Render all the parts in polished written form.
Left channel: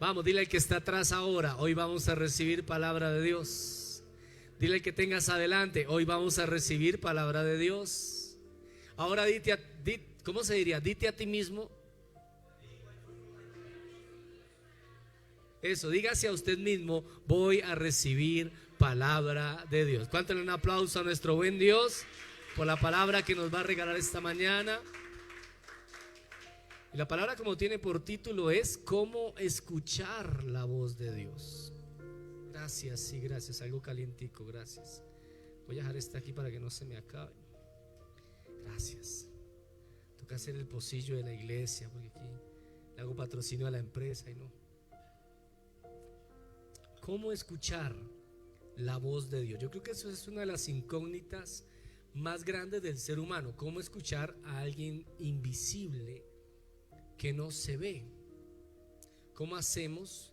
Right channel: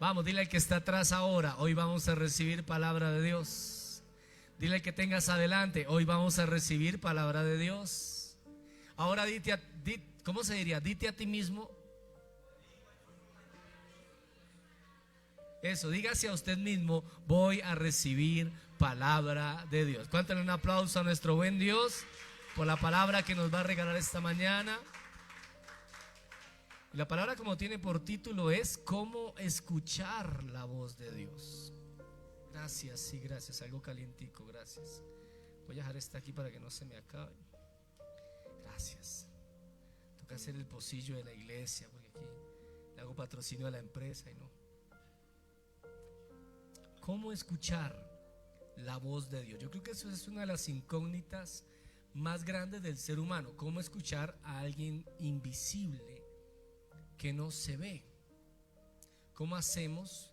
Vamos, dile al que está atrás ahora: hoy vamos a recibir palabra de Dios. Dile al que tengas adelante: hoy vamos a recibir palabra de Dios. Ahora ¿cómo se diría? Dite a ti mismo. Eso, dígase a usted mismo: voy a recibir palabra de Dios. Cuántenle un aplauso a nuestro buen Dios por la palabra que nos va a regalar esta mañana. Y la palabra, como tiene por título, es cómo escuchar la voz de Dios. Gracias, sí, gracias. Algo calientico, gracias. Voy a dejar esta aquí para que no se me acabe. Gracias. Toca hacer el pocillo de la iglesia, porque aquí le hago patrocinio a la empresa y no. ¿Cómo escuchar la voz de Dios? Yo creo que eso es una de las incógnitas más grandes del ser humano. ¿Cómo escuchar a alguien invisible que no se ve? ¿Cómo hacemos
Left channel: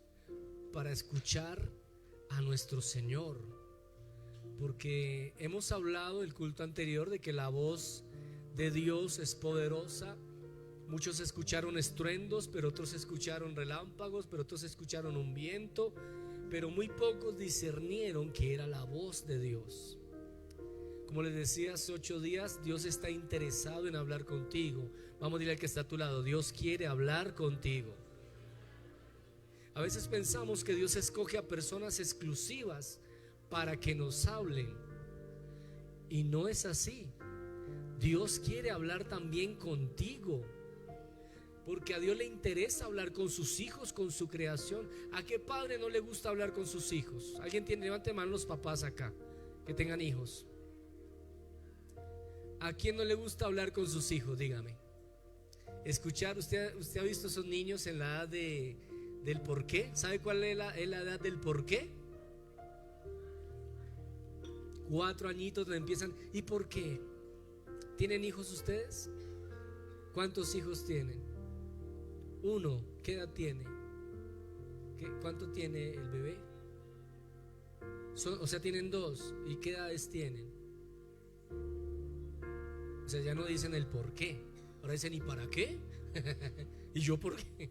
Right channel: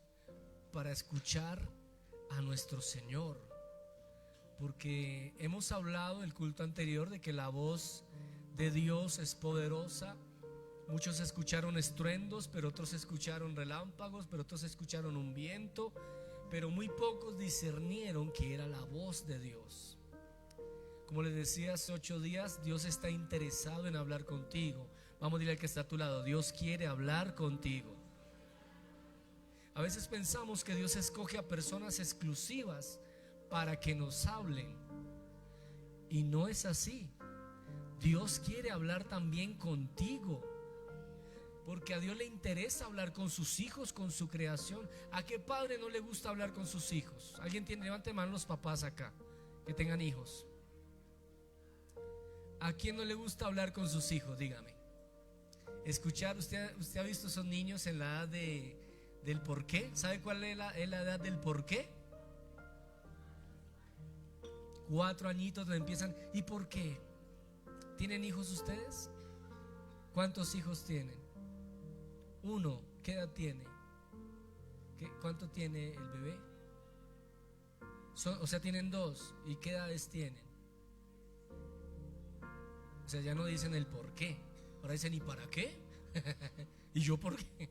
para escuchar a nuestro Señor? Porque hemos hablado el culto anterior de que la voz de Dios es poderosa. Muchos escucharon estruendos, pero otros escucharon relámpagos, pero otros escucharon un viento, pero muy pocos discernieron que era la voz de Dios. Como les decía hace 8 días, Dios está interesado en hablar contigo. Vamos a decirle al que está a tu lado: Dios quiere hablar contigo. A veces pensamos que Dios escoge a personas exclusivas para que nos hablen, y no es así. Dios quiere hablar también contigo, porque a Dios le interesa hablar con sus hijos, con su creación. ¿A qué padre no le gusta hablar con sus hijos? ¿Alguien tiene? Levante mano los papás acá que tengan hijos. ¿A quién no le gusta hablar con sus hijos? Dígame. Escuchar. Usted ha visto esos niños en la edad del por qué. ¿Sabe cuál es la edad del por qué? 4 añitos donde empiezan. ¿Y por qué? ¿Tienen hijos ustedes? ¿Cuántos hijos tienen? 1. ¿Qué edad tiene? ¿Cuánto tiene el bebé? O sea, tienen 2. ¿Y qué edades tienen? O sea, ya no dicen el por qué, ahora dicen ¿y para qué? ¿Y yo por qué?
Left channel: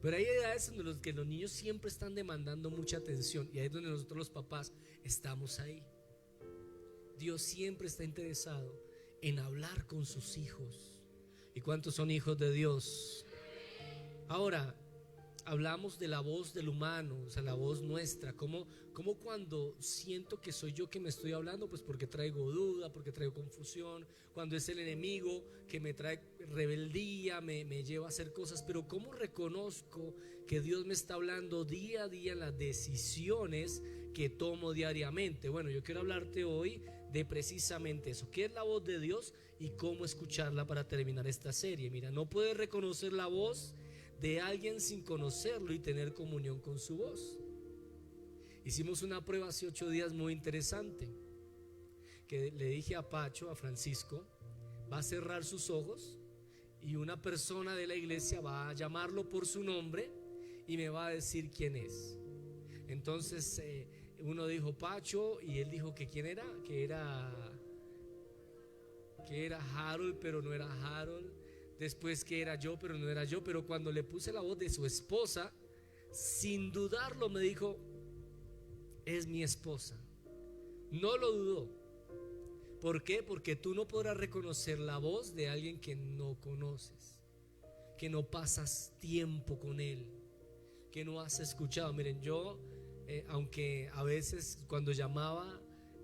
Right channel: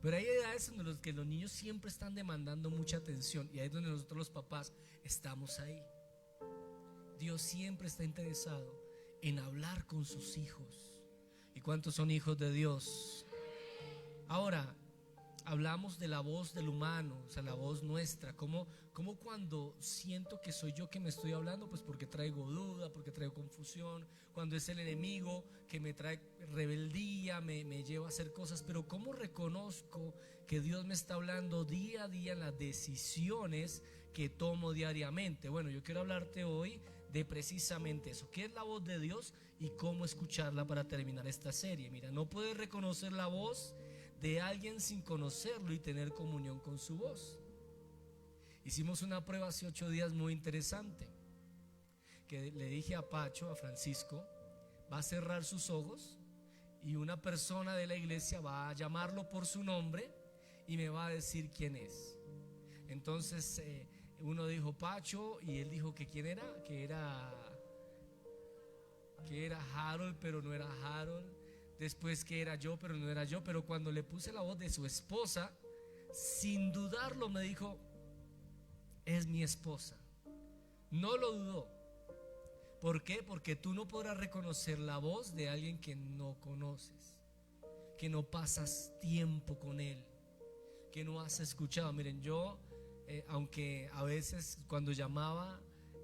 Pero hay edades en las que los niños siempre están demandando mucha atención, y ahí es donde nosotros los papás estamos ahí. Dios siempre está interesado en hablar con sus hijos. ¿Y cuántos son hijos de Dios? Ahora, hablamos de la voz del humano, o sea, la voz nuestra. Como cuando siento que soy yo que me estoy hablando, pues porque traigo duda, porque traigo confusión. Cuando es el enemigo que me trae rebeldía, me lleva a hacer cosas. Pero ¿cómo reconozco que Dios me está hablando día a día en las decisiones que tomo diariamente? Bueno, yo quiero hablarte hoy de precisamente eso. ¿Qué es la voz de Dios y cómo escucharla para terminar esta serie? Mira, no puedes reconocer la voz de alguien sin conocerlo y tener comunión con su voz. Hicimos una prueba hace 8 días muy interesante, que le dije a Pacho, a Francisco, va a cerrar sus ojos y una persona de la iglesia va a llamarlo por su nombre y me va a decir quién es. Entonces uno dijo Pacho y él dijo que quién era, que era Harold, pero no era Harold. Después que era yo, pero no era yo. Pero cuando le puse la voz de su esposa, sin dudarlo me dijo, es mi esposa. No lo dudó. ¿Por qué? Porque tú no podrás reconocer la voz de alguien que no conoces, que no pasas tiempo con él, que no has escuchado. Miren, yo aunque a veces cuando llamaba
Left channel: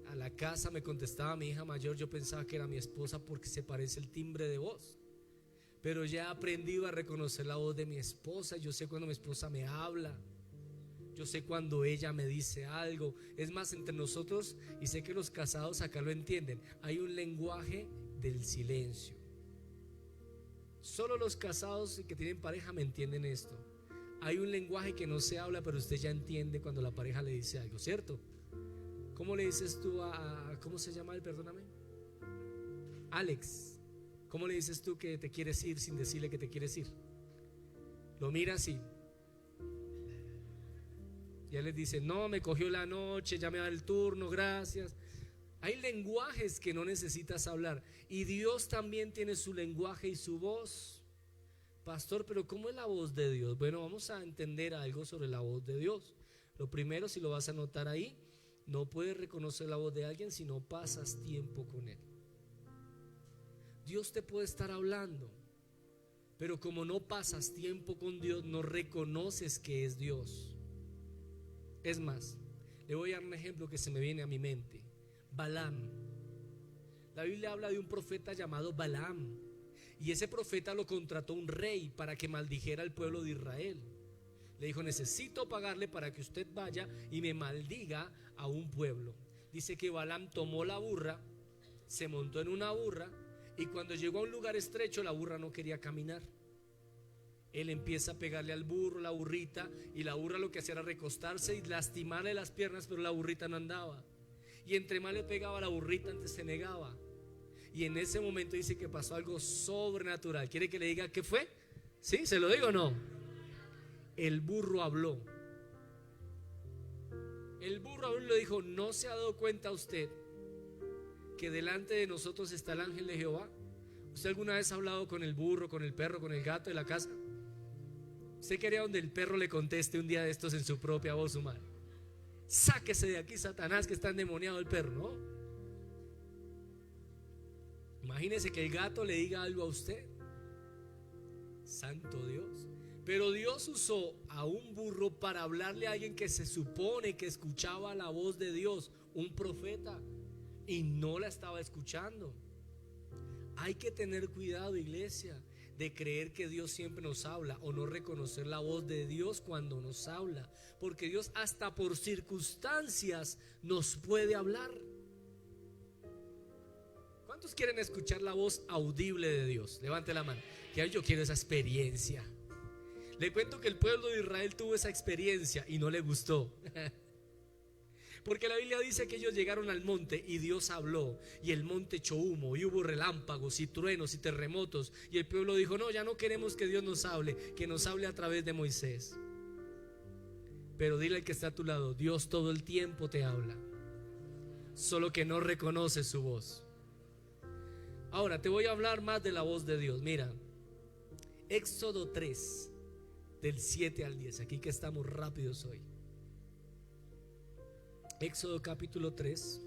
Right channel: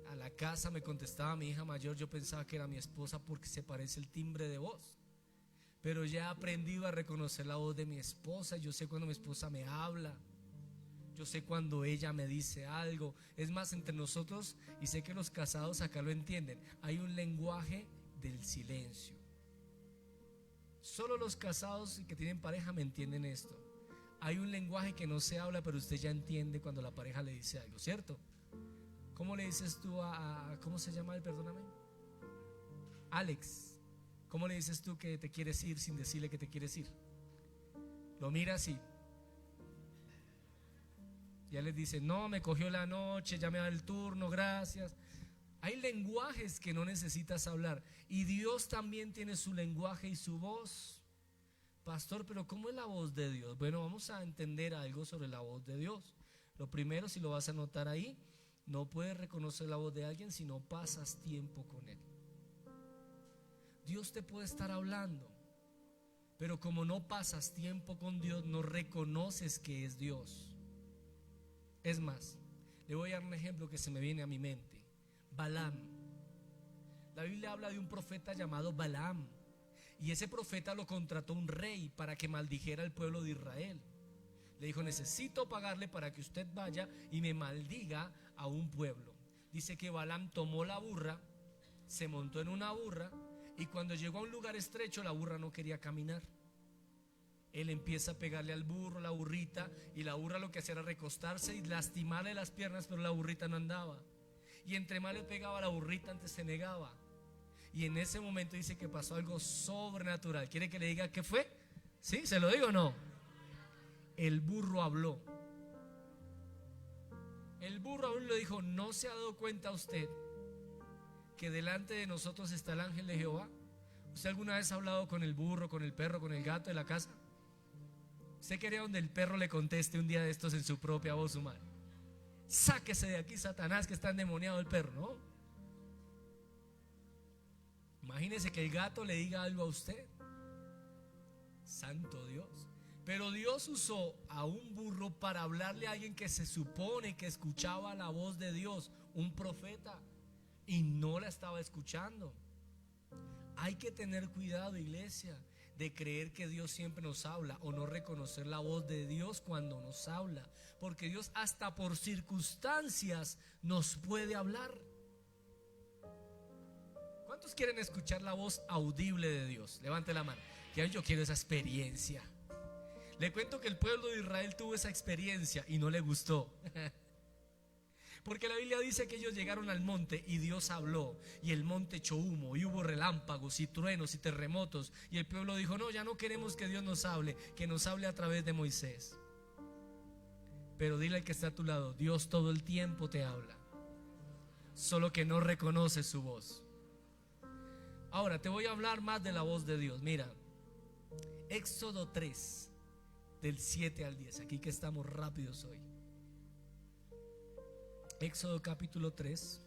a la casa me contestaba mi hija mayor, yo pensaba que era mi esposa porque se parece el timbre de voz. Pero ya he aprendido a reconocer la voz de mi esposa. Yo sé cuando mi esposa me habla, yo sé cuando ella me dice algo. Es más, entre nosotros, y sé que los casados acá lo entienden, hay un lenguaje del silencio. Solo los casados y que tienen pareja me entienden esto. Hay un lenguaje que no se habla, pero usted ya entiende cuando la pareja le dice algo, ¿cierto? ¿Cómo le dices tú ¿cómo se llama él? Perdóname. Alex. ¿Cómo le dices tú que te quieres ir sin decirle que te quieres ir? Lo mira así. Ya les dice, no, me cogió la noche, ya me da el turno, gracias. Hay lenguajes que no necesitas hablar. Y Dios también tiene su lenguaje y su voz. Pastor, pero ¿cómo es la voz de Dios? Bueno, vamos a entender algo sobre la voz de Dios. Lo primero, si lo vas a anotar ahí, no puedes reconocer la voz de alguien si no pasas tiempo con él. Dios te puede estar hablando, pero como no pasas tiempo con Dios, no reconoces que es Dios. Es más, le voy a dar un ejemplo que se me viene a mi mente. Balaam. La Biblia habla de un profeta llamado Balaam, y ese profeta lo contrató un rey para que maldijera al pueblo de Israel. Le dijo, necesito pagarle para que usted vaya y me maldiga a un pueblo. Dice que Balaam tomó la burra, se montó en una burra, y cuando llegó a un lugar estrecho, la burra no quería caminar. Él empieza a pegarle al burro, la burrita, y la burra lo que hacía era recostarse y lastimarle las piernas, pero la burrita no andaba. Y entre más le pegaba, la burrita antes se negaba. Y en ese momento dice que pasó algo sobrenatural. ¿Quiere que le diga qué fue? ¿Sí? ¿Se lo digo o no? El burro habló. El burro aún le dijo, ¿no se ha dado cuenta usted que delante de nosotros está el ángel de Jehová? ¿Usted alguna vez ha hablado con el burro, con el perro, con el gato de la casa? ¿Usted quería donde el perro le conteste un día de estos en su propia voz humana? Sáquese de aquí, Satanás, que está endemoniado el perro, ¿no? Imagínese que el gato le diga algo a usted. Santo Dios. Pero Dios usó a un burro para hablarle a alguien que se supone que escuchaba la voz de Dios, un profeta, y no la estaba escuchando. Hay que tener cuidado, iglesia, de creer que Dios siempre nos habla o no reconocer la voz de Dios cuando nos habla, porque Dios hasta por circunstancias nos puede hablar. ¿Cuántos quieren escuchar la voz audible de Dios? Levante la mano. Que yo quiero esa experiencia. Le cuento que el pueblo de Israel tuvo esa experiencia y no le gustó. Porque la Biblia dice que ellos llegaron al monte y Dios habló, y el monte echó humo, y hubo relámpagos y truenos y terremotos, y el pueblo dijo, no, ya no queremos que Dios nos hable, que nos hable a través de Moisés. Pero dile al que está a tu lado, Dios todo el tiempo te habla, solo que no reconoces su voz. Ahora te voy a hablar más de la voz de Dios. Mira, Éxodo 3, del 7 al 10. Aquí que estamos rápidos hoy. Éxodo capítulo 3,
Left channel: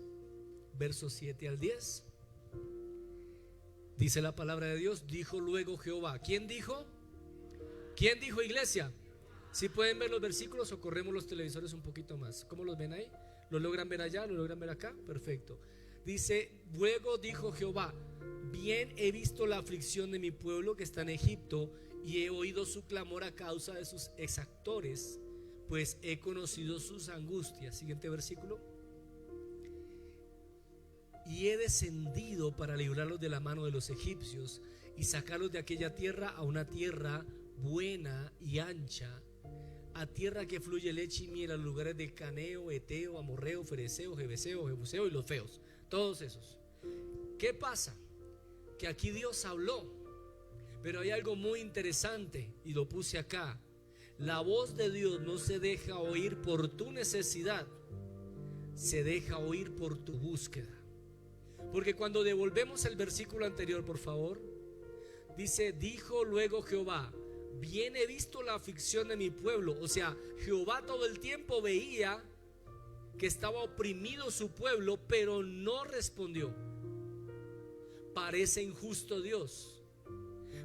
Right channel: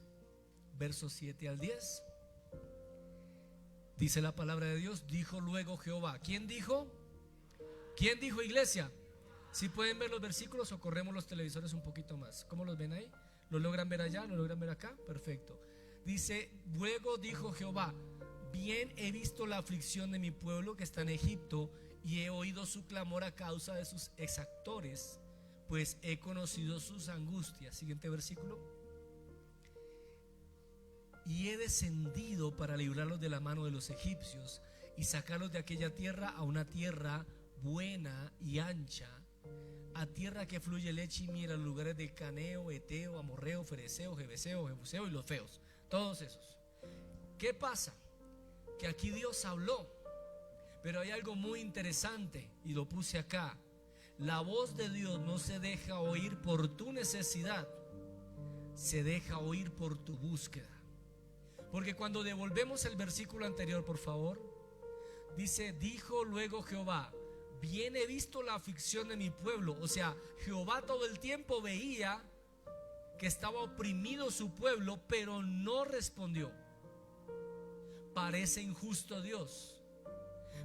versos 7 al 10. Dice la palabra de Dios: dijo luego Jehová. ¿Quién dijo? ¿Quién dijo, iglesia? Si pueden ver los versículos o corremos los televisores un poquito más. ¿Cómo los ven ahí? ¿Lo logran ver allá? ¿Lo logran ver acá? Perfecto. Dice: luego dijo Jehová, bien he visto la aflicción de mi pueblo que está en Egipto, y he oído su clamor a causa de sus exactores, pues he conocido sus angustias. Siguiente versículo. Y he descendido para librarlos de la mano de los egipcios y sacarlos de aquella tierra a una tierra buena y ancha, a tierra que fluye leche y miel, a los lugares de Caneo, Eteo, Amorreo, Fereceo, Jebuseo, Jebuseo y los feos, todos esos. ¿Qué pasa? Que aquí Dios habló, pero hay algo muy interesante y lo puse acá. La voz de Dios no se deja oír por tu necesidad, se deja oír por tu búsqueda. Porque cuando devolvemos el versículo anterior, por favor, dice: dijo luego Jehová, bien he visto la aflicción de mi pueblo. O sea, Jehová todo el tiempo veía que estaba oprimido su pueblo, pero no respondió. Parece injusto Dios,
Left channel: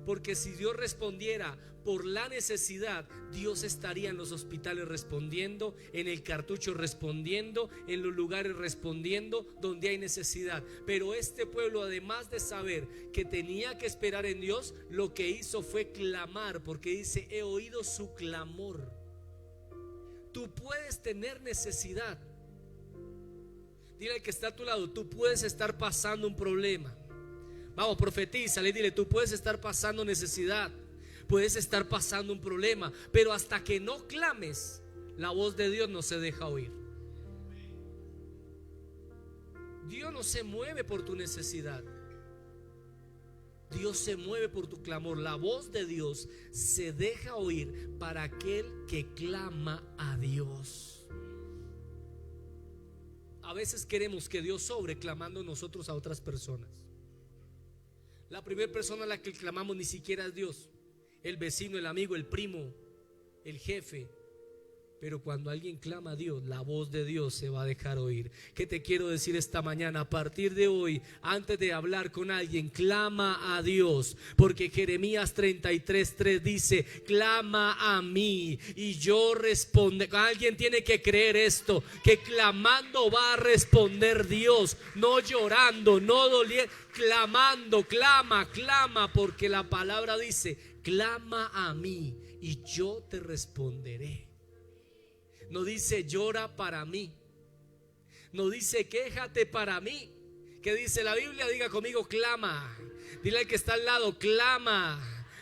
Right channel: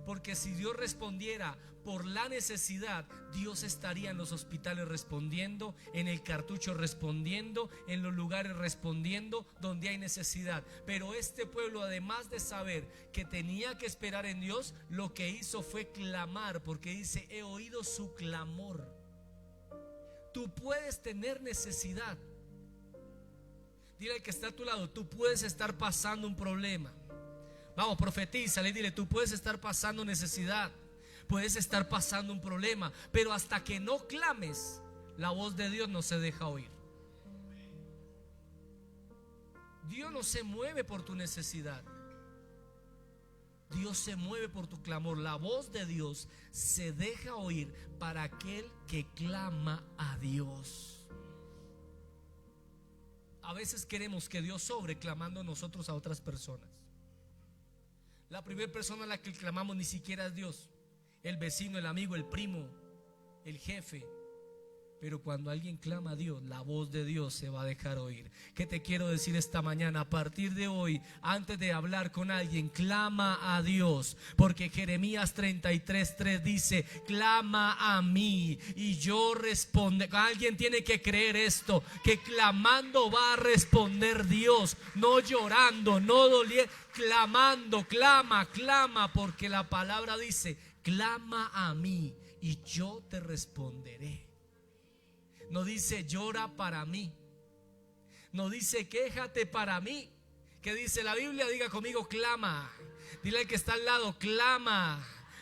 porque si Dios respondiera por la necesidad, Dios estaría en los hospitales respondiendo, en el cartucho respondiendo, en los lugares respondiendo donde hay necesidad. Pero este pueblo, además de saber que tenía que esperar en Dios, lo que hizo fue clamar, porque dice: he oído su clamor. Tú puedes tener necesidad. Dile al que está a tu lado: tú puedes estar pasando un problema. Vamos, profetízale y dile: tú puedes estar pasando necesidad, puedes estar pasando un problema, pero hasta que no clames, la voz de Dios no se deja oír. Dios no se mueve por tu necesidad, Dios se mueve por tu clamor. La voz de Dios se deja oír para aquel que clama a Dios. A veces queremos que Dios sobre clamando nosotros a otras personas. La primera persona a la que clamamos ni siquiera es Dios, el vecino, el amigo, el primo, el jefe. Pero cuando alguien clama a Dios, la voz de Dios se va a dejar oír. ¿Qué te quiero decir esta mañana? A partir de hoy, antes de hablar con alguien, clama a Dios, porque Jeremías 33:3 dice: clama a mí y yo responderé. Alguien tiene que creer esto, que clamando va a responder Dios, no llorando, no doliendo, clamando. Clama, porque la palabra dice: clama a mí y yo te responderé. No dice llora para mí, no dice quéjate para mí. ¿Qué dice la Biblia? Diga conmigo: clama. Dile al que está al lado: clama.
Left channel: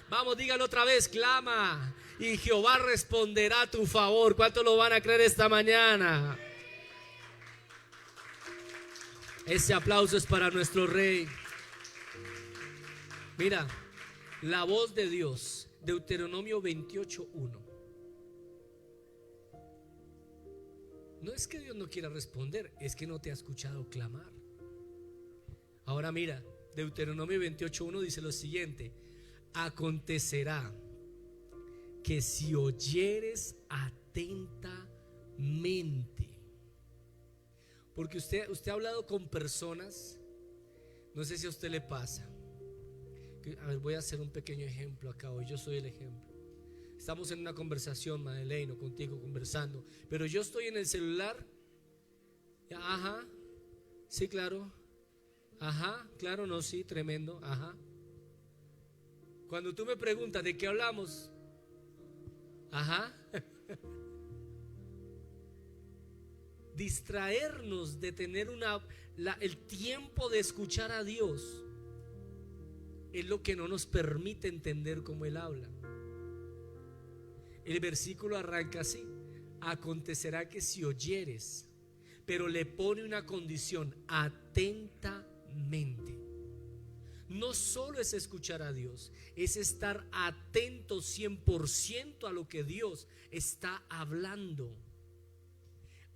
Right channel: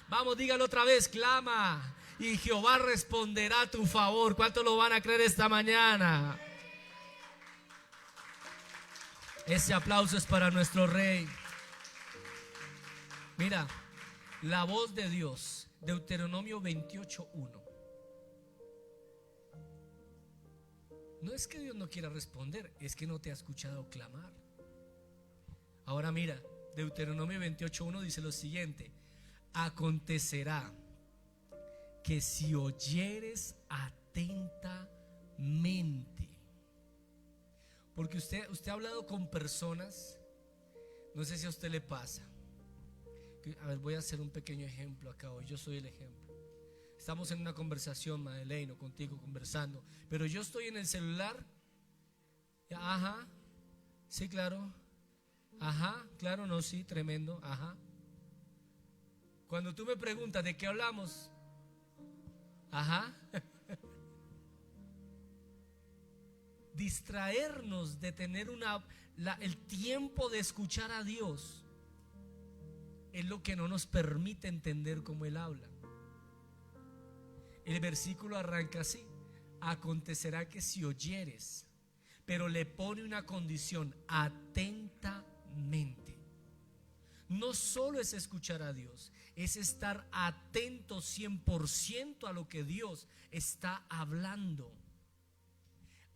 Vamos, dígalo otra vez: clama y Jehová responderá a tu favor. ¿Cuántos lo van a creer esta mañana? Ese aplauso es para nuestro Rey. Mira, la voz de Dios, Deuteronomio 28:1. No es que Dios no quiera responder, es que no te ha escuchado clamar. Ahora mira, Deuteronomio 28:1 dice lo siguiente: acontecerá que si oyeres atentamente. Porque usted ha hablado con personas, no sé si a usted le pasa. A ver, voy a hacer un pequeño ejemplo acá hoy. Yo soy el ejemplo. Estamos en una conversación, Madeleine, o contigo conversando, pero yo estoy en el celular. Ajá, sí, claro. Ajá, claro, no, sí, tremendo. Ajá. Cuando tú me preguntas de qué hablamos, ajá. Distraernos de tener el tiempo de escuchar a Dios es lo que no nos permite entender cómo Él habla. El versículo arranca así: acontecerá que si oyeres, pero le pone una condición: atentamente. No solo es escuchar a Dios, es estar atento 100% a lo que Dios está hablando.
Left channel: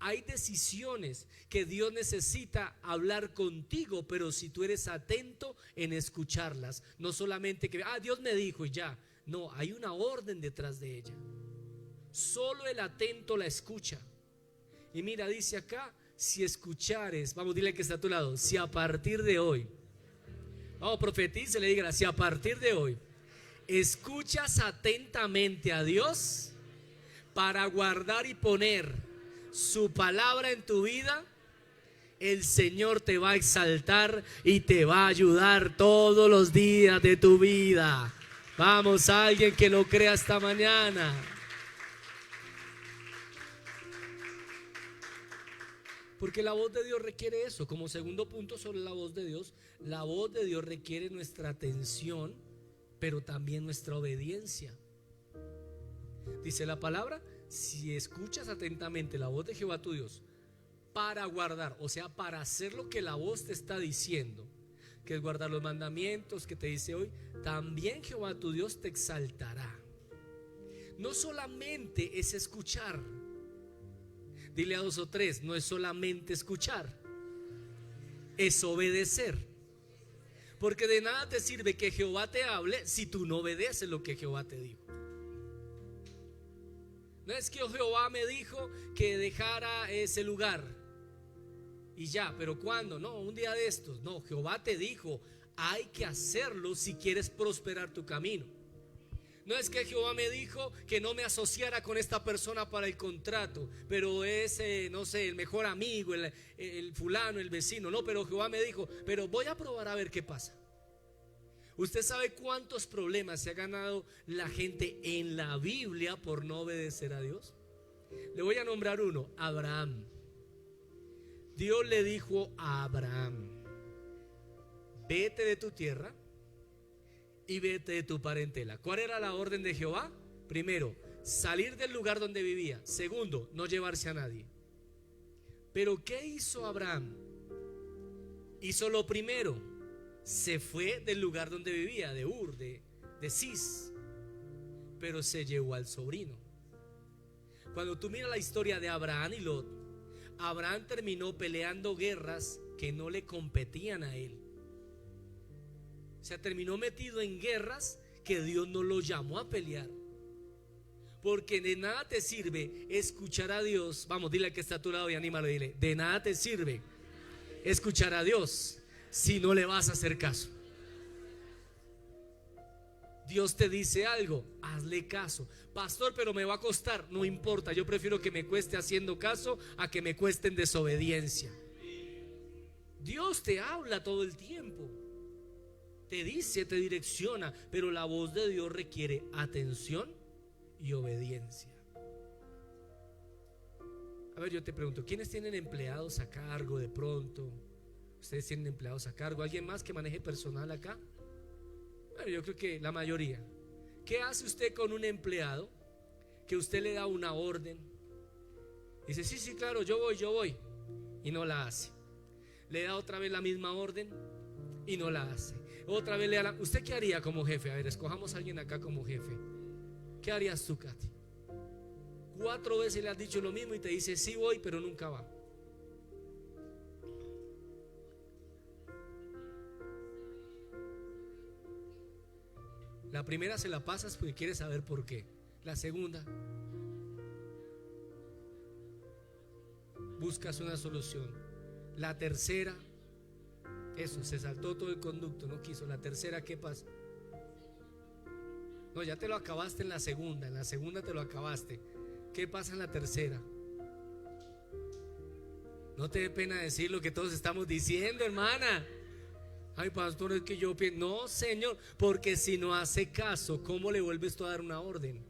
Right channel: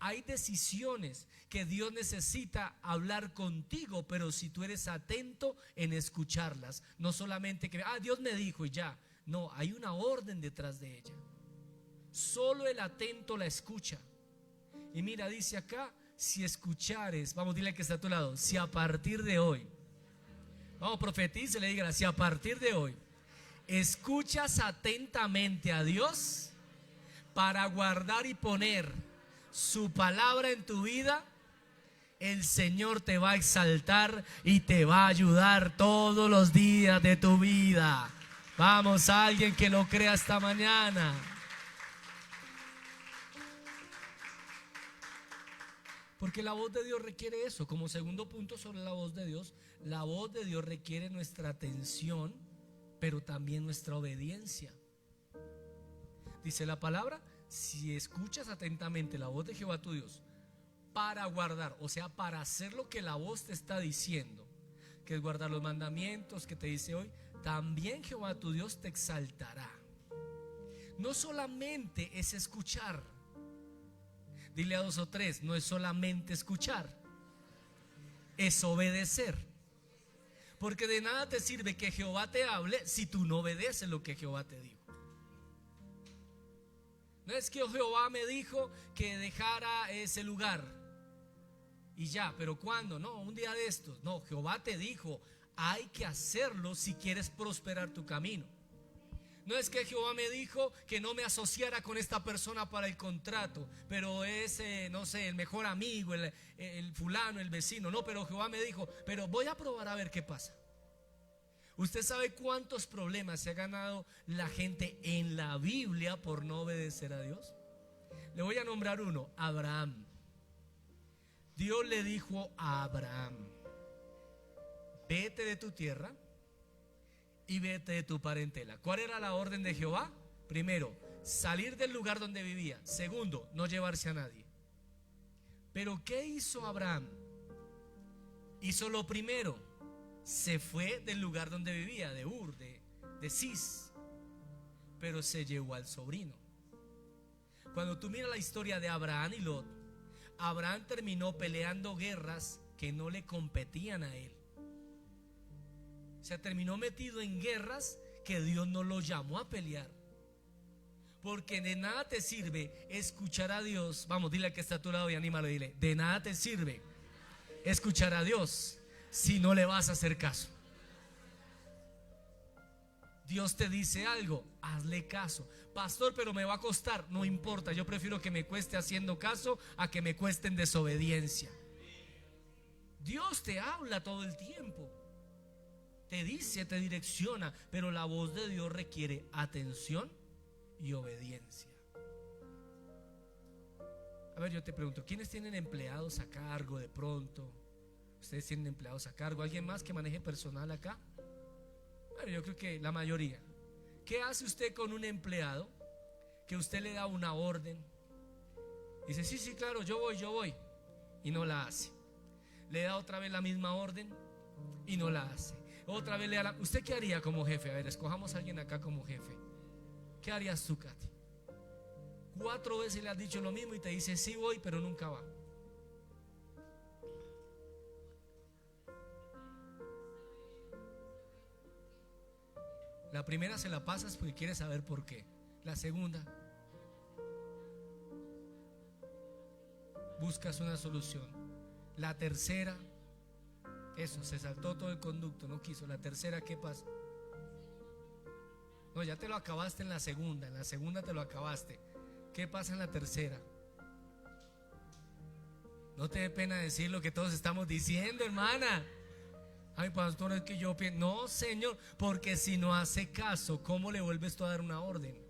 hay decisiones que Dios necesita hablar contigo, pero si tú eres atento en escucharlas, no solamente que Dios me dijo y ya, no, hay una orden detrás de ella. Solo el atento la escucha. Y mira, dice acá, si escuchares, vamos, dile que está a tu lado, si a partir de hoy, vamos, profetice, le diga, si a partir de hoy escuchas atentamente a Dios para guardar y poner su palabra en tu vida, el Señor te va a exaltar y te va a ayudar todos los días de tu vida. Vamos, a alguien que lo crea esta mañana. Porque la voz de Dios requiere eso. Como segundo punto sobre la voz de Dios, la voz de Dios requiere nuestra atención, pero también nuestra obediencia. Dice la palabra, si escuchas atentamente la voz de Jehová tu Dios para guardar, o sea, para hacer lo que la voz te está diciendo, que es guardar los mandamientos que te dice hoy, también Jehová tu Dios te exaltará. No solamente es escuchar. Dile a 2 o 3, no es solamente escuchar, es obedecer. Porque de nada te sirve que Jehová te hable si tú no obedeces lo que Jehová te dijo. No es que Jehová me dijo que dejara ese lugar y ya, pero ¿cuándo? No, un día de estos. No, Jehová te dijo, hay que hacerlo si quieres prosperar tu camino. No es que Jehová me dijo que no me asociara con esta persona para el contrato, pero es, no sé, el mejor amigo, el fulano, el vecino. No, pero Jehová me dijo, pero voy a probar a ver qué pasa. ¿Usted sabe cuántos problemas se ha ganado la gente en la Biblia por no obedecer a Dios? Le voy a nombrar uno, Abraham. Dios le dijo a Abraham, vete de tu tierra y vete de tu parentela. ¿Cuál era la orden de Jehová? Primero, salir del lugar donde vivía. Segundo, no llevarse a nadie. Pero ¿qué hizo Abraham? Hizo lo primero, se fue del lugar donde vivía, de Ur, de Cis, pero se llevó al sobrino. Cuando tú miras la historia de Abraham y Lot, Abraham terminó peleando guerras que no le competían a él. O sea, terminó metido en guerras que Dios no lo llamó a pelear. Porque de nada te sirve escuchar a Dios. Vamos, dile al que está a tu lado y anímalo, dile, de nada te sirve escuchar a Dios si no le vas a hacer caso. Dios te dice algo, hazle caso. Pastor, pero me va a costar. No importa, yo prefiero que me cueste haciendo caso a que me cueste en desobediencia. Dios te habla todo el tiempo, te dice, te direcciona, pero la voz de Dios requiere atención y obediencia. A ver, yo te pregunto, ¿quiénes tienen empleados a cargo de pronto? ¿Ustedes tienen empleados a cargo? ¿Alguien más que maneje personal acá? Bueno, yo creo que la mayoría. ¿Qué hace usted con un empleado que usted le da una orden? Dice, sí, claro, yo voy, y no la hace. Le da otra vez la misma orden y no la hace. Otra vez le da ¿Usted qué haría como jefe? A ver, escojamos a alguien acá como jefe. ¿Qué harías tú, Katy? 4 veces le has dicho lo mismo y te dice sí voy, pero nunca va. La primera se la pasas porque quieres saber por qué. La segunda, buscas una solución. La tercera, eso, se saltó todo el conducto, no quiso. La tercera, ¿qué pasa? No, ya te lo acabaste en la segunda te lo acabaste. ¿Qué pasa en la tercera? No te dé pena decir lo que todos estamos diciendo, hermana. Ay, pastor, es que yo pienso. No, Señor, porque si no hace caso, ¿cómo le vuelves tú a dar una orden?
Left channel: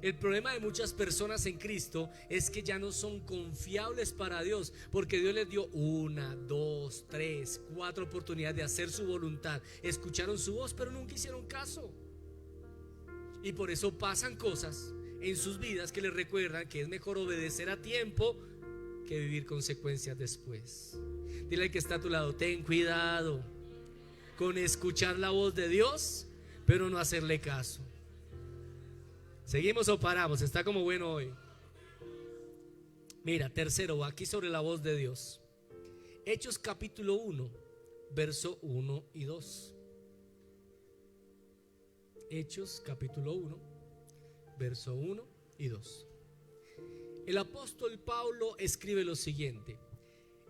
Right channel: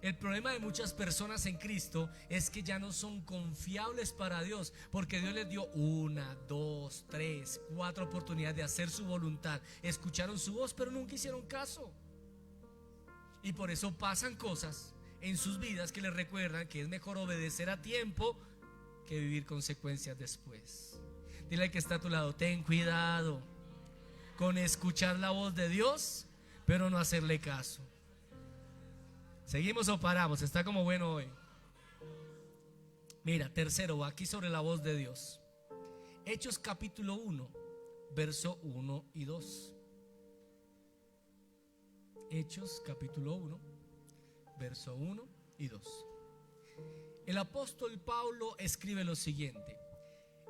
El problema de muchas personas en Cristo es que ya no son confiables para Dios, porque Dios les dio 1, 2, 3, 4 oportunidades de hacer su voluntad. Escucharon su voz, pero nunca hicieron caso. Y por eso pasan cosas en sus vidas que les recuerdan que es mejor obedecer a tiempo que vivir consecuencias después. Dile al que está a tu lado, ten cuidado con escuchar la voz de Dios, pero no hacerle caso. ¿Seguimos o paramos? Está como bueno hoy. Mira, tercero, aquí sobre la voz de Dios. Hechos capítulo 1, verso 1 y 2. Hechos capítulo 1, verso 1 y 2. El apóstol Pablo escribe lo siguiente:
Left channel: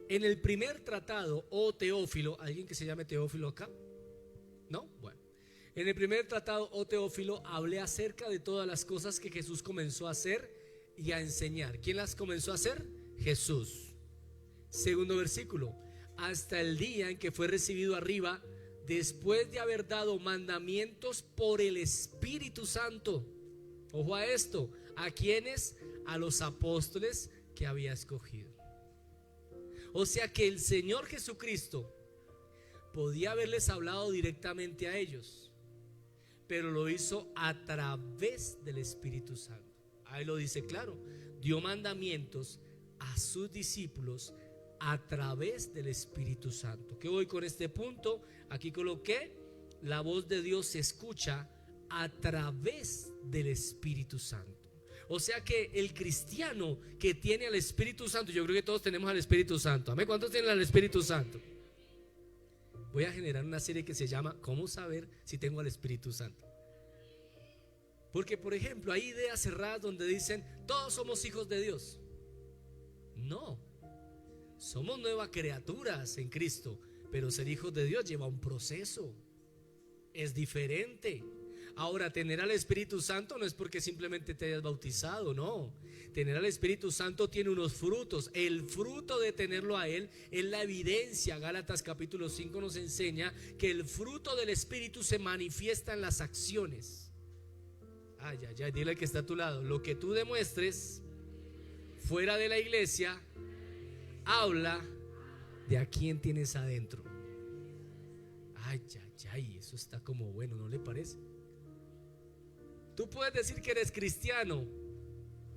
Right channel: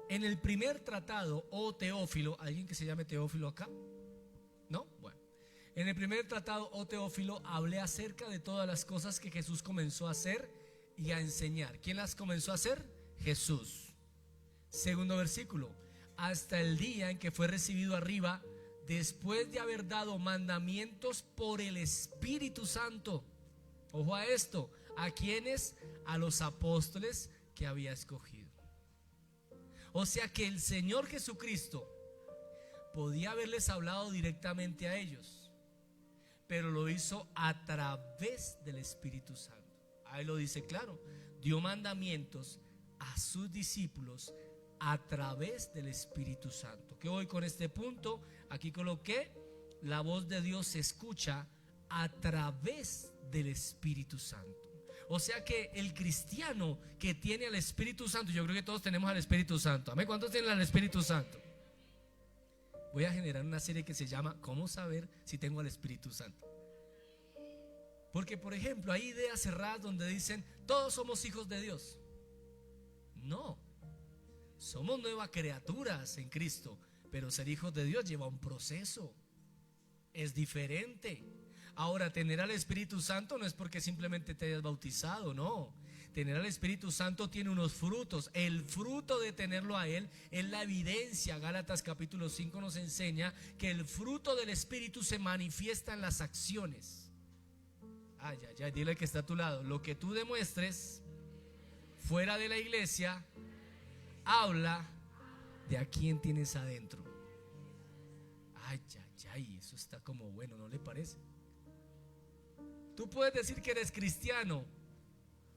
en el primer tratado, oh Teófilo, ¿alguien que se llame Teófilo acá? ¿No? Bueno. En el primer tratado, oh Teófilo, hablé acerca de todas las cosas que Jesús comenzó a hacer y a enseñar. ¿Quién las comenzó a hacer? Jesús. Segundo versículo: hasta el día en que fue recibido arriba, después de haber dado mandamientos por el Espíritu Santo. Ojo a esto. ¿A quiénes? A los apóstoles que había escogido. O sea que el Señor Jesucristo podía haberles hablado directamente a ellos, pero lo hizo a través del Espíritu Santo. Ahí lo dice claro: dio mandamientos a sus discípulos a través del Espíritu Santo. ¿Qué voy con este punto? Aquí coloqué: la voz de Dios se escucha a través del Espíritu Santo. O sea que el cristiano que tiene al Espíritu Santo, yo creo que todos tenemos al Espíritu Santo. ¿Amén? ¿Cuántos tienen al Espíritu Santo? Voy a generar una serie que se llama ¿cómo saber si tengo al Espíritu Santo? Porque, por ejemplo, hay ideas cerradas donde dicen todos somos hijos de Dios. No, somos nuevas criaturas en Cristo, pero ser hijos de Dios lleva un proceso, es diferente. Ahora, tener al Espíritu Santo no es porque simplemente te hayas bautizado, no. Tener al Espíritu Santo tiene unos frutos. El fruto de tenerlo a Él es la evidencia. Gálatas capítulo 5 nos enseña que el fruto del Espíritu se manifiesta en las acciones. Ay, ay, ay, dile al que está a tu lado: lo que tú demuestres fuera de la iglesia habla de a quién tienes adentro. Ay, ay, ay, eso está como bueno, ¿no le parece? Tú puedes decir que eres cristiano,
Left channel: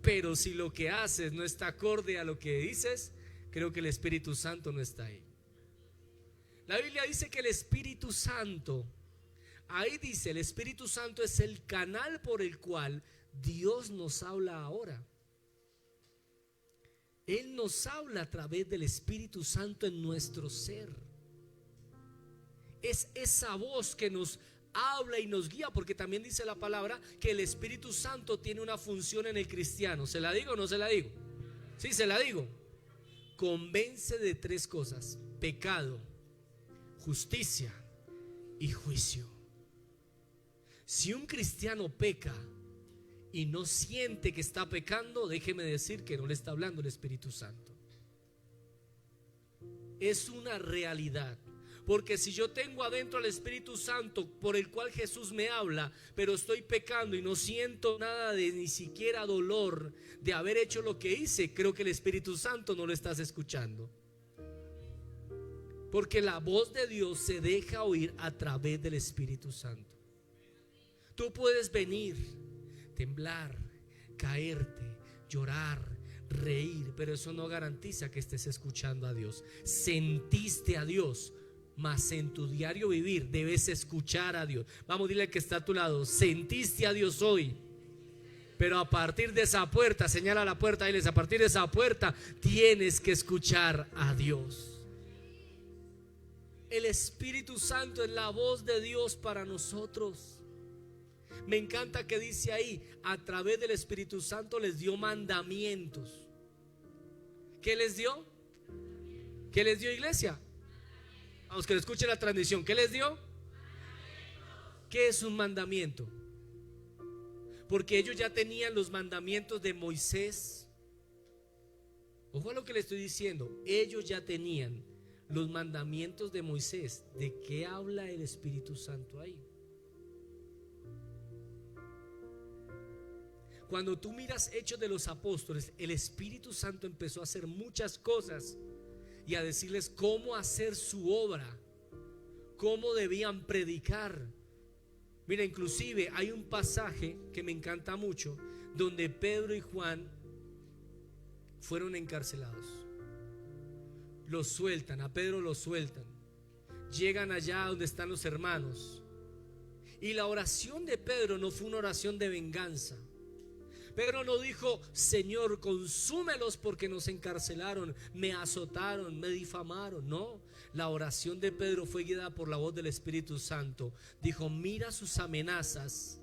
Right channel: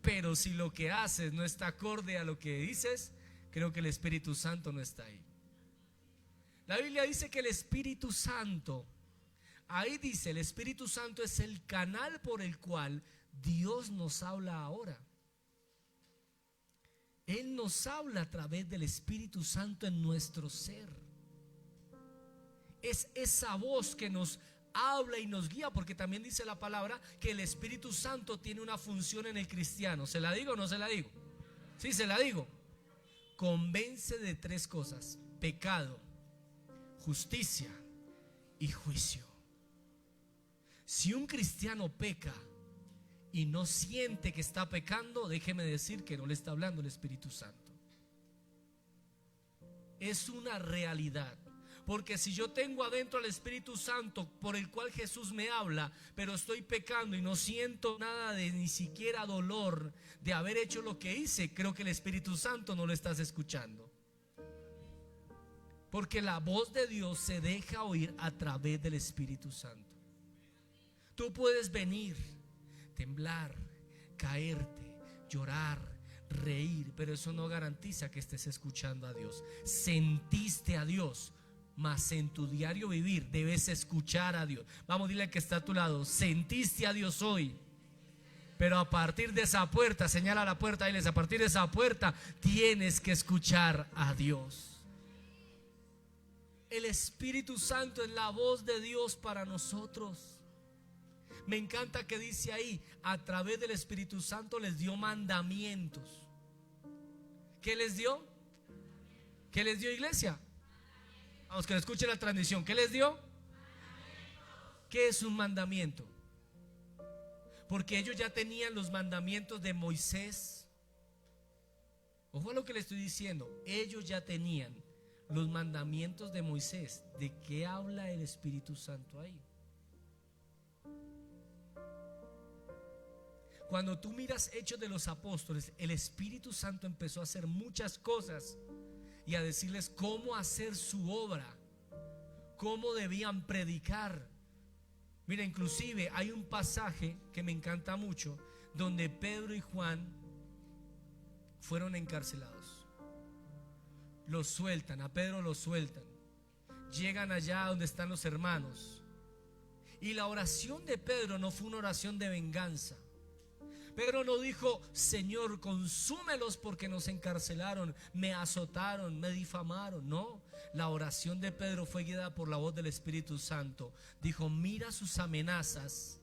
pero si lo que haces no está acorde a lo que dices, creo que el Espíritu Santo no está ahí. La Biblia dice que el Espíritu Santo, ahí dice, el Espíritu Santo es el canal por el cual Dios nos habla ahora. Él nos habla a través del Espíritu Santo en nuestro ser. Es esa voz que nos habla y nos guía, porque también dice la palabra que el Espíritu Santo tiene una función en el cristiano. ¿Se la digo o no se la digo? Sí, se la digo. Convence de tres cosas: pecado, justicia y juicio. Si un cristiano peca y no siente que está pecando, déjeme decir que no le está hablando el Espíritu Santo. Es una realidad. Porque si yo tengo adentro al Espíritu Santo por el cual Jesús me habla, pero estoy pecando y no siento nada de ni siquiera dolor de haber hecho lo que hice, creo que el Espíritu Santo no lo estás escuchando. Porque la voz de Dios se deja oír a través del Espíritu Santo. Tú puedes venir, temblar, caerte, llorar, reír, pero eso no garantiza que estés escuchando a Dios. Sentiste a Dios, mas en tu diario vivir debes escuchar a Dios. Vamos, dile al que está a tu lado: sentiste a Dios hoy, pero a partir de esa puerta, señala la puerta, diles: a partir de esa puerta tienes que escuchar a Dios. El Espíritu Santo es la voz de Dios para nosotros. Me encanta que dice ahí: a través del Espíritu Santo les dio mandamientos. ¿Qué les dio? ¿Qué les dio, iglesia? Vamos, que le escuche la transmisión. ¿Qué les dio? ¿Qué es un mandamiento? Porque ellos ya tenían los mandamientos de Moisés. Ojo a lo que le estoy diciendo. Ellos ya tenían los mandamientos de Moisés. ¿De qué habla el Espíritu Santo ahí? Cuando tú miras Hechos de los Apóstoles, el Espíritu Santo empezó a hacer muchas cosas y a decirles cómo hacer su obra, cómo debían predicar. Mira, inclusive hay un pasaje que me encanta mucho, donde Pedro y Juan fueron encarcelados. Los sueltan, a Pedro lo sueltan. Llegan allá donde están los hermanos. Y la oración de Pedro no fue una oración de venganza. Pedro no dijo: Señor, consúmelos porque nos encarcelaron, me azotaron, me difamaron. No, la oración de Pedro fue guiada por la voz del Espíritu Santo. Dijo: mira sus amenazas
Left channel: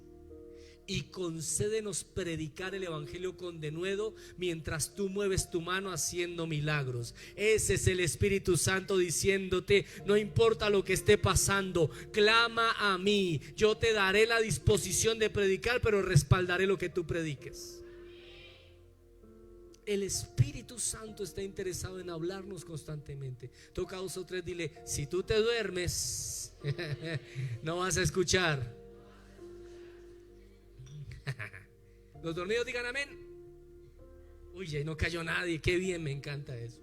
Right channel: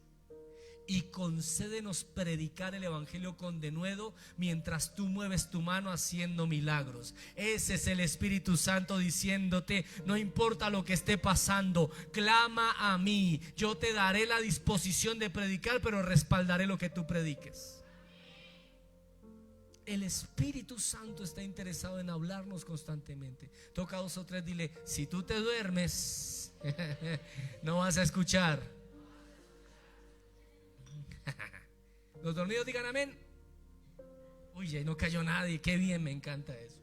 y concédenos predicar el evangelio con denuedo mientras tú mueves tu mano haciendo milagros. Ese es el Espíritu Santo diciéndote: no importa lo que esté pasando, clama a mí, yo te daré la disposición de predicar, pero respaldaré lo que tú prediques. El Espíritu Santo está interesado en hablarnos constantemente. Toca a 2 o 3, dile: si tú te duermes no vas a escuchar. Los dormidos digan amén. Uy, ya no cayó nadie, qué bien, me encanta eso.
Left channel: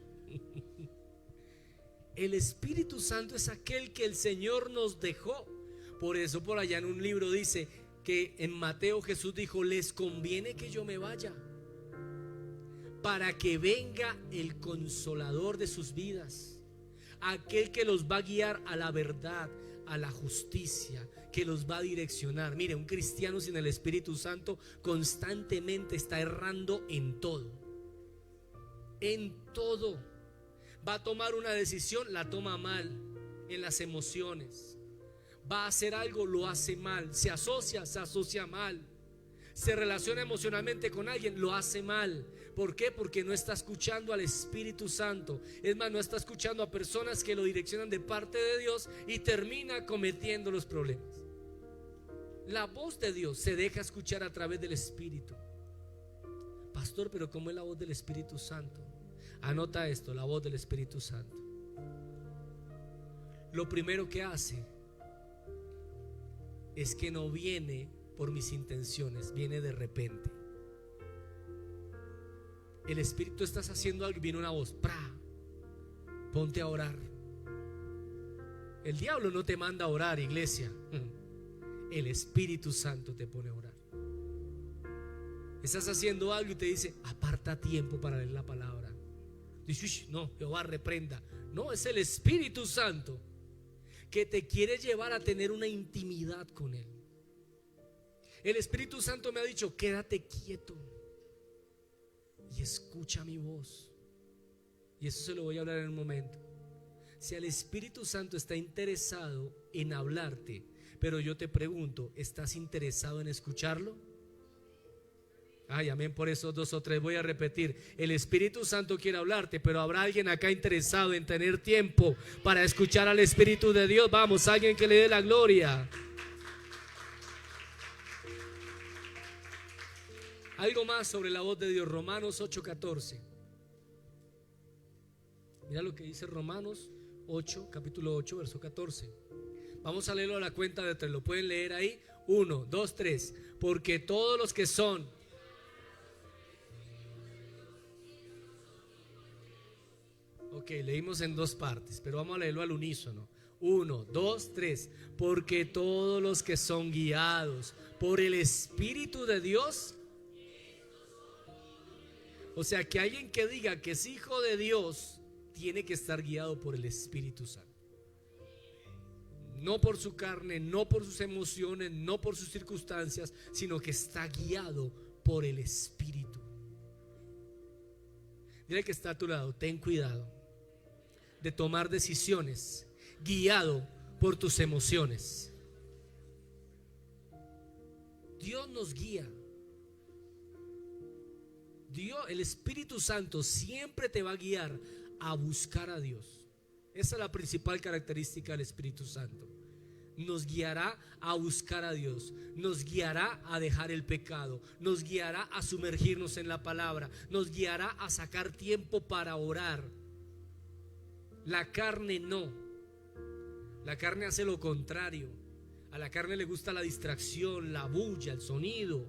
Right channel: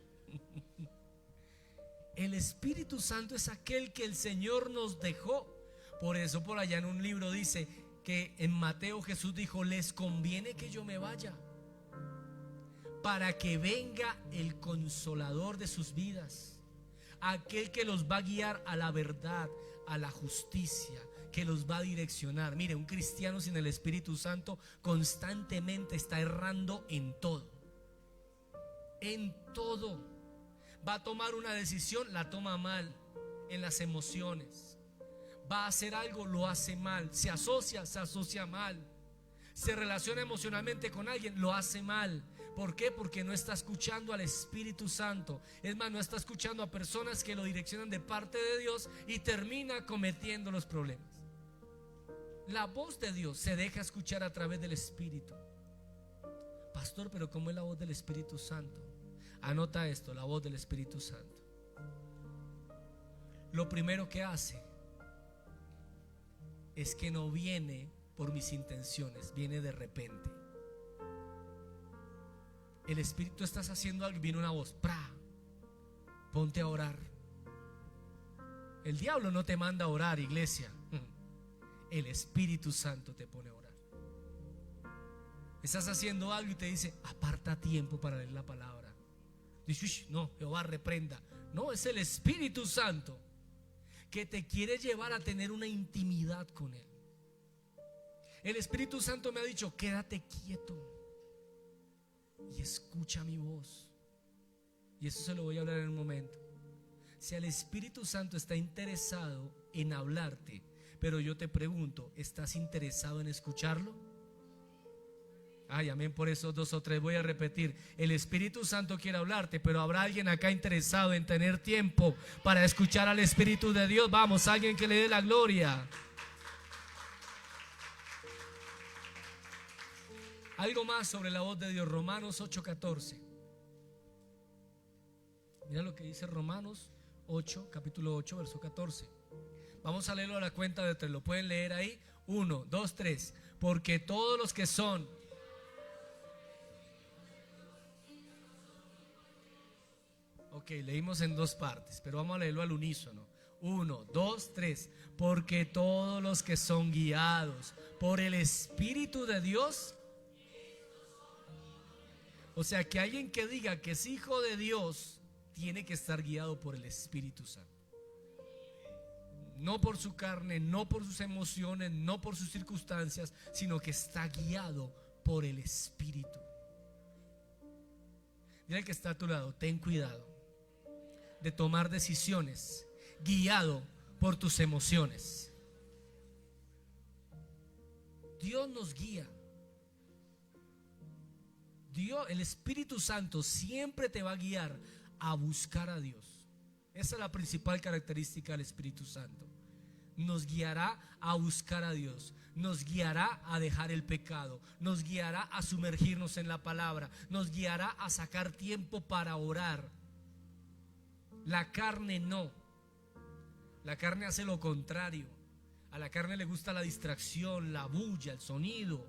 El Espíritu Santo es aquel que el Señor nos dejó. Por eso por allá en un libro dice que en Mateo Jesús dijo: les conviene que yo me vaya, para que venga el consolador de sus vidas, aquel que los va a guiar a la verdad, a la justicia, que los va a direccionar. Mire, un cristiano sin el Espíritu Santo constantemente está errando en todo. En todo. Va a tomar una decisión, la toma mal. En las emociones. Va a hacer algo, lo hace mal. Se asocia mal. Se relaciona emocionalmente con alguien, lo hace mal. ¿Por qué? Porque no está escuchando al Espíritu Santo. Es más, no está escuchando a personas que lo direccionan de parte de Dios y termina cometiendo los problemas. La voz de Dios se deja escuchar a través del Espíritu. Pastor, pero ¿cómo es la voz del Espíritu Santo? Anota esto: la voz del Espíritu Santo. Lo primero que hace es que no viene por mis intenciones, viene de repente. El Espíritu, estás haciendo algo y viene una voz: ¡pra! Ponte a orar. El diablo no te manda a orar, iglesia. El Espíritu Santo te pone a orar. Estás haciendo algo y te dice: aparta tiempo para leer la palabra. Dice: no, Jehová reprenda. No, es el Espíritu Santo que te quiere llevar a tener una intimidad con Él. El Espíritu Santo me ha dicho: quédate quieto y escucha mi voz. Y eso se lo voy a hablar en un momento. Si el Espíritu Santo está interesado en hablarte, pero yo te pregunto: ¿estás interesado en escucharlo? Ay, amén. Por esos 2 o 3 voy a repetir: el Espíritu Santo quiere hablarte, pero habrá alguien acá interesado en tener tiempo para escuchar al Espíritu de Dios. Vamos, alguien que le dé la gloria. Algo más sobre la voz de Dios. Romanos 8:14. Mira lo que dice Romanos 8, capítulo 8, verso 14. Vamos a leerlo a la cuenta de 3. ¿Lo pueden leer ahí? 1, 2, 3. Porque todos los que son... Ok, leímos en 2 partes, pero vamos a leerlo al unísono. 1, 2, 3. Porque todos los que son guiados por el Espíritu de Dios... O sea, que alguien que diga que es hijo de Dios tiene que estar guiado por el Espíritu Santo. No por su carne, no por sus emociones, no por sus circunstancias, sino que está guiado por el Espíritu. Dile que está a tu lado: ten cuidado de tomar decisiones guiado por tus emociones. Dios nos guía. Dios, el Espíritu Santo siempre te va a guiar a buscar a Dios. Esa es la principal característica del Espíritu Santo. Nos guiará a buscar a Dios, nos guiará a dejar el pecado, nos guiará a sumergirnos en la palabra, nos guiará a sacar tiempo para orar. La carne no. La carne hace lo contrario. A la carne le gusta la distracción, la bulla, el sonido.